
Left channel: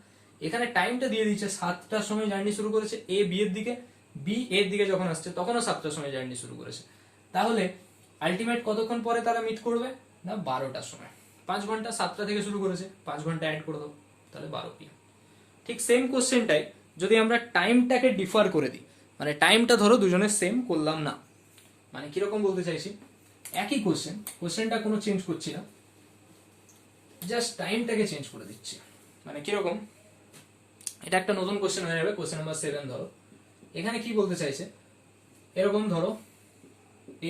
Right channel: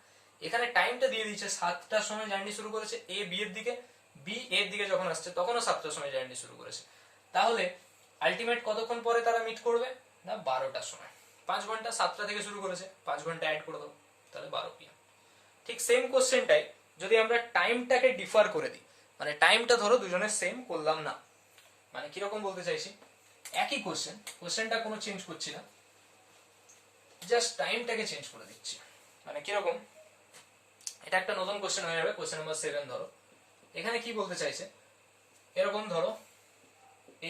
এখানে টাইমটা দিয়ে দিচ্ছে 7টার সময় জার্নি শুরু করেছে এ বি এর দিকে, বি এর দিকে যখন আসছে তখনও 7টার সময় জার্নি শুরু করেছে, তাহলে আলটিমেট কতক্ষণ পরে তারা মিট করবে না 12টার সময়। 5 ঘন্টা, 7টা থেকে শুরু করেছে, 5 ঘন্টা অ্যাড করে দাও, তাহলে 12 PM। ঠিক সেম কোশ্চেনটাই যদি আমরা টাইমটাকে ডিফার করে দিই, মানে টাইমটা ধরো দুজনের সেম করলাম না, মানে কিরকম বলতে চাইছি, একই কোশ্চেনটা কোনো চেঞ্জ করছি না, জাস্ট টাইমটাকে চেঞ্জ করে দিচ্ছি। মানে কিরকম, এটা একটা নতুন কোশ্চেন হয়ে যাবে, কোশ্চেন নাম্বার 7 ধরো। এখানে কি বলতে চাইছে, এরকম ধরো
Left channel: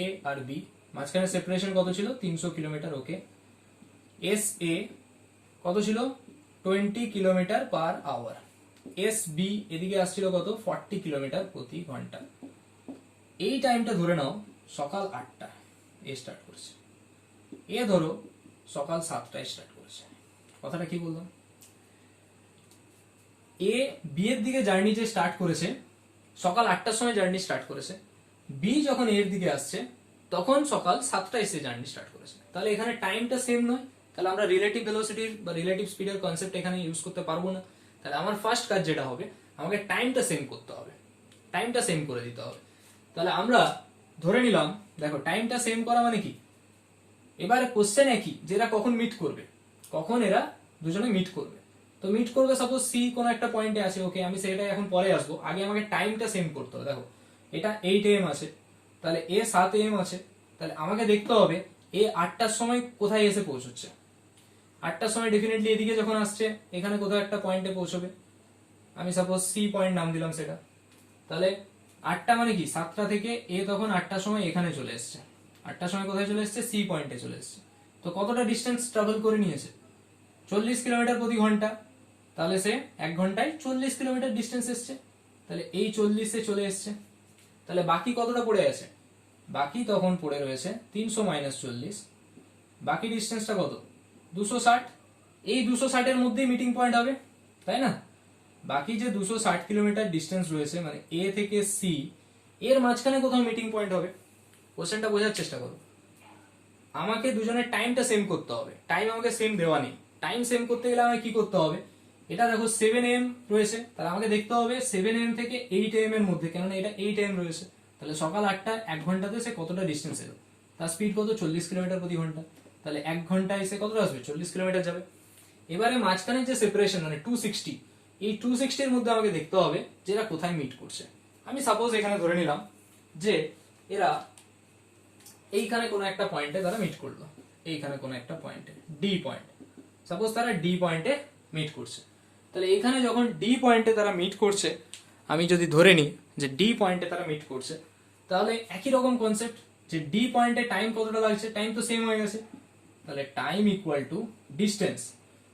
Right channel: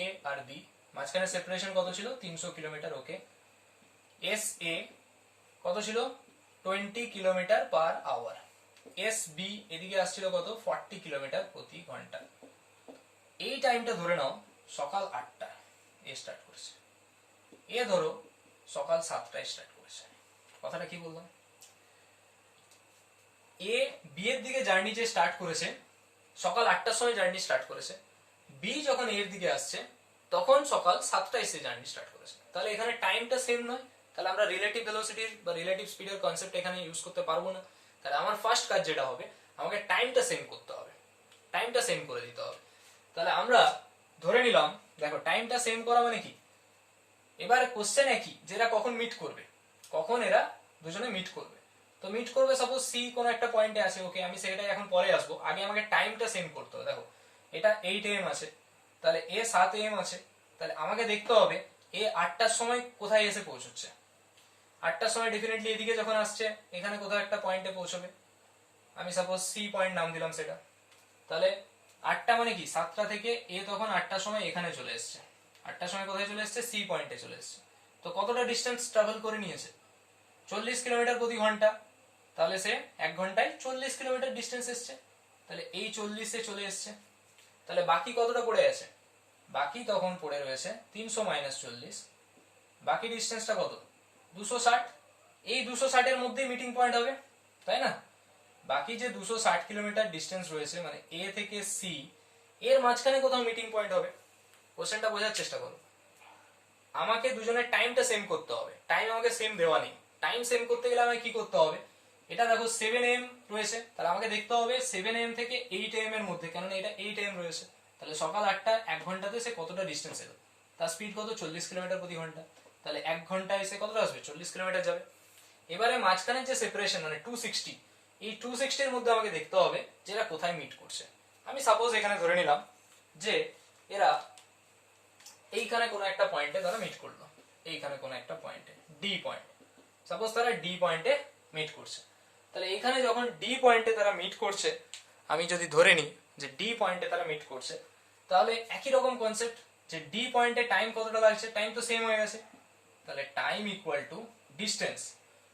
এ আর বি, মাঝখানে সেপারেশন কত ছিল 300 কিলোমিটার, ওকে। এস এ কত ছিল 20 kilometer per hour, S B এদিকে আসছিল কত 40 কিলোমিটার প্রতি ঘন্টা। এই টাইমটা ধরে নাও সকাল 8টা এ স্টার্ট করেছে, এ ধরো সকাল 7টায় স্টার্ট করেছে। কথাটা কি বললাম, এ বি এর দিকে জার্নি যে স্টার্ট করেছে সকাল 8টার সময় জার্নি স্টার্ট করেছে, বি যখন এর দিকে আসছে তখন সকাল 7টায় এসে জার্নি স্টার্ট করেছে। তাহলে এখানে টাইমটা সেম নয়, তাহলে আমরা রিলেটিভ ভেলোসিটির বা রিলেটিভ স্পিডের কনসেপ্ট এখানে ইউজ করতে পারবো না। তাহলে আমার ফার্স্ট কাজ যেটা হবে, আমাকে টাইমটা সেম করতে হবে, টাইমটা সেম করে দিতে হবে। তাহলে আমরা ধরে নিলাম, দেখো টাইমটা সেম করা মানে কি, এবারে কোশ্চেন একই যেটা কখন মিট করবে, কখন এরা দুজনে মিট করবে। তো মিট করবে সাপোজ সি কোন একটা পয়েন্টে আছে, ওকে আমি সেটাই এখন পরে আসবো, আগে আমাকে টাইমটা সেম করতে হবে। দেখো এটা 8 AM আছে, তাহলে এ 7 AM আছে, তাহলে আমাকে দেখতে হবে এ 8টার সময় কোথায় এসে পৌঁছচ্ছে। 8টার সময় ডেফিনেটলি এদিকে যখন আসছে এখানে কোথাও একটা পয়েন্টে পৌঁছবে, আমি সাপোজ সি পয়েন্ট নাম দিলাম সেটা। তাহলে 8টা মানে কি 7টা থেকে এ তখন 8টার সময় এখানে চলে এসছে, 8টার সময় কোথায় চলে এসছে সি পয়েন্টে চলে এসছে। তো কতটা ডিস্টেন্স ট্রাভেল করে নিয়েছে 40 কিলোমিটার প্রতি ঘন্টা, তাহলে সে 1 ঘন্টায় 40 কিলোমিটার ডিস্টেন্স এসছে, তাহলে এই 40-এ চলে এসছে। তাহলে বাকি কতটা পড়ে আছে, বাকি তখন পড়ে রয়েছে 300 - 40, বাকি ডিস্টেন্সটা কত 260, এই 260 এর মধ্যেই মিটিং পয়েন্ট হবে, তাই না। বাকি যে 260 কিলোমিটার ডিস্টেন্স রয়েছে মানে এ থেকে সি, এর মাঝখানে কোথাও মিটিং পয়েন্ট হবে। কোশ্চেনটা বোঝার চেষ্টা করো, আমাকে দুজনের টাইমটা সেম করতে হবে, টাইম আমাকে সেম দেওয়া নেই। টাইম সেম করতে গেলে আমাকে কি করতে হবে, এটা দেখো 7 AM রয়েছে, তাহলে আমাকে দেখতে হবে 7 AM থেকে 8 AM এর মধ্যে, কেননা এটা 8 AM রয়েছে, তাহলে সকাল 8টা 1 ঘন্টাতে সে কতটা ডিস্টেন্স এলো, তার স্পিড কত 40 কিলোমিটার প্রতি ঘন্টা, তাহলে 1 ঘন্টায় সে কতটা আসবে 40 কিলোমিটার যাবে। এবারে মাঝখানে যে সেপারেশন মানে 260, এই 260 এর মধ্যে আমাকে দেখতে হবে যে এরা কোথায় মিট করছে। আমি সাপোজ এখানে ধরে নিলাম যে এরা এইখানে কোনো একটা পয়েন্টে তারা মিট করলো, এইখানে কোনো একটা পয়েন্টে ডি পয়েন্ট, সাপোজ তারা ডি পয়েন্টে মিট করছে। তাহলে এখানে যখন ডি পয়েন্টে তারা মিট করছে, আমি যদি ধরে নিই যে ডি পয়েন্টে তারা মিট করছে, তাহলে একই রকম কনসেপ্ট যে ডি পয়েন্টে টাইম কতটা লাগছে, টাইম তো সেম হয়ে গেছে, তাহলে টাইম ইকুয়াল টু ডিস্টেন্স,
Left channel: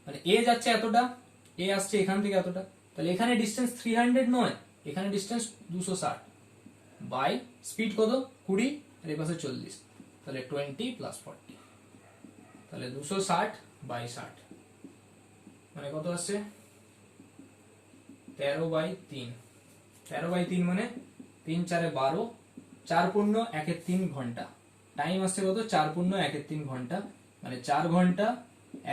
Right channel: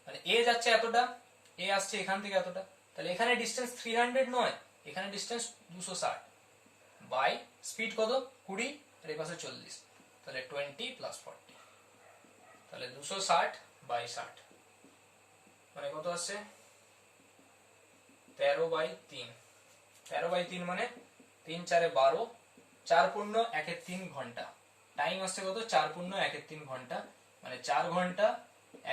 মানে এ যাচ্ছে এতটা, এ আসছে এখান থেকে এতটা, তাহলে এখানে ডিস্টেন্স 300 নয়, এখানে ডিস্টেন্স 260 বাই স্পিড কত 20 আর এই পাশে 40, তাহলে 20 প্লাস 40, তাহলে 260 বাই 60 মানে কত আসছে 13/3, 13/3 মানে 3 4 12, 4 পূর্ণ 1 3 ঘন্টা, টাইম আসছে কত 4 পূর্ণ 1 3 ঘন্টা, মানে 4 ঘন্টা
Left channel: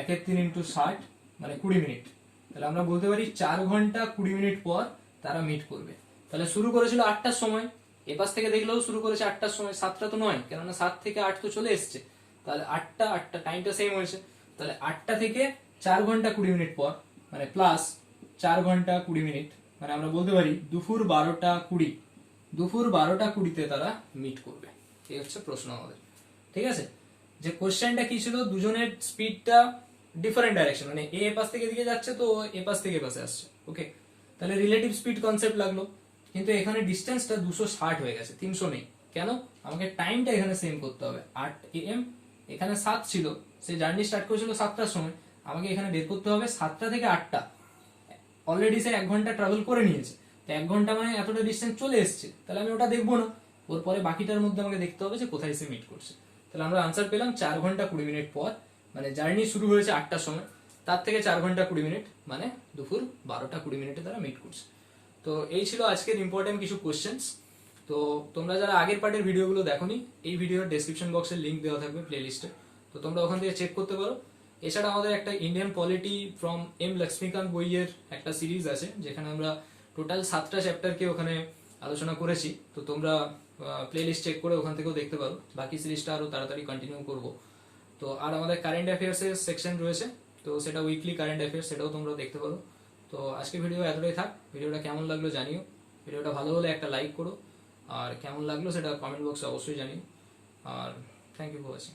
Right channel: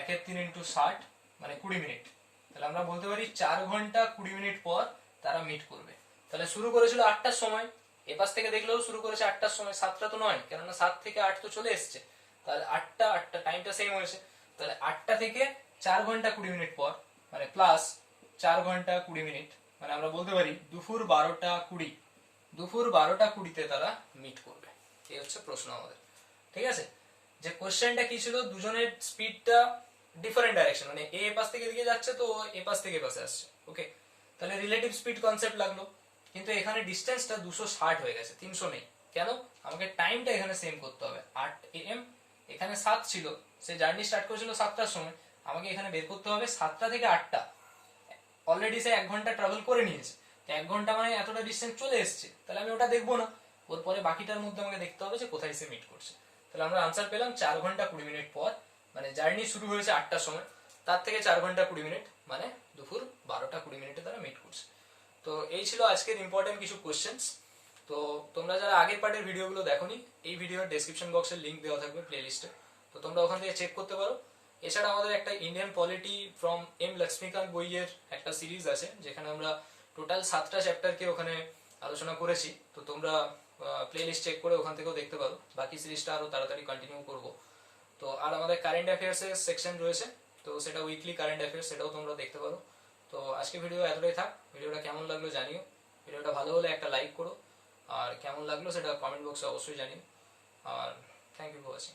1 3 ইন্টু 60 মানে 20 মিনিট। তাহলে আমরা বলতে পারি 4 ঘন্টা 20 মিনিট পর তারা মিট করবে। তাহলে শুরু করেছিল 8টার সময়, এপাশ থেকে দেখলেও শুরু করেছে 8টার সময়, 7টা তো নয়, কেননা 7 থেকে 8 তো চলে এসছে, তাহলে 8টা টাইমটা সেম হয়েছে, তাহলে 8টা থেকে 4 ঘন্টা 20 মিনিট পর মানে প্লাস 4 ঘন্টা 20 মিনিট, মানে আমরা বলতে পারি দুপুর 12টা 20, দুপুর 12টা 20তে তারা মিট করবে। এই হচ্ছে প্রশ্ন আমাদের, ঠিক আছে। যে কোশ্চেনটা কি ছিল, দুজনের স্পিডটা ডিফারেন্ট ডাইরেকশন, মানে এ পাশ থেকে দিকে যাচ্ছে তো এ পাশ থেকে পাশে আসছে, ওকে। তাহলে রিলেটিভ স্পিড কনসেপ্ট লাগলো, কিন্তু এখানে ডিস্টেন্সটা 260 হয়ে গেছে, 300 নেই, কেন, আমাকে টাইমটা এখানে সেম করতে হবে। 8 AM, এখানে 7 ছিল, সে জার্নি স্টার্ট করেছিল 7টার সময়, আমাকে এখানে বের করতে হবে 7টা থেকে 8টা, অলরেডি সে 1 ঘন্টা ট্রাভেল করে নিয়েছে, তো 1 ঘন্টা মানে এতটা ডিস্টেন্স চলে এসছে, তাহলে আমি ওটা দেখবো না, ওর পরে বাকিটার মধ্যে আমাকে দেখতে হবে যে কোথায় সে মিট করছে। তাহলে আমরা আনসার পেলাম 4 ঘন্টা 20 মিনিট পর, মানে জার্নি শুরু হয়েছে 8টার সময়, তার থেকে 4 ঘন্টা 20 মিনিট মানে দুপুর 12টা 20 মিনিটে তারা মিট করছে। তো এই ছিল আজকের ইম্পর্টেন্ট কিছু কোশ্চেন্স। তো তোমরা যারা আগের পার্টের ভিডিওগুলো দেখোনি, এই ভিডিওর ডেসক্রিপশন বক্সের লিংক দেওয়া থাকবে প্লেলিস্টে, তো তোমরা ওখান থেকে চেক করতে পারো। এছাড়া আমাদের একটা Indian polity from M Laxmikanth বইয়ের একটা সিরিজ আছে, যেখানে আমরা টোটাল 7টা চ্যাপ্টারকে ওখানে আলোচনা করেছি, তো তোমরা প্লেলিস্ট চেক করে ওখান থেকেও দেখতে পারো, বাকি সিরিজটা আরো তাড়াতাড়ি কন্টিনিউ করব। তো আর আমাদের কারেন্ট অ্যাফেয়ার্স এর সেকশন রয়েছে, তো সেটা উইকলি কারেন্ট অ্যাফেয়ার্স, সেটাও তোমরা দেখতে পারো। তো আজকে ভিডিও এতটাই থাক, ভিডিওটা কেমন লাগলো জানিও, ভিডিওটা ভালো হলে একটা লাইক করো, আর কেমন লাগলো সেটা কমেন্ট বক্সে অবশ্যই জানিও, আর থ্যাংক ইউ ফর ওয়াচিং।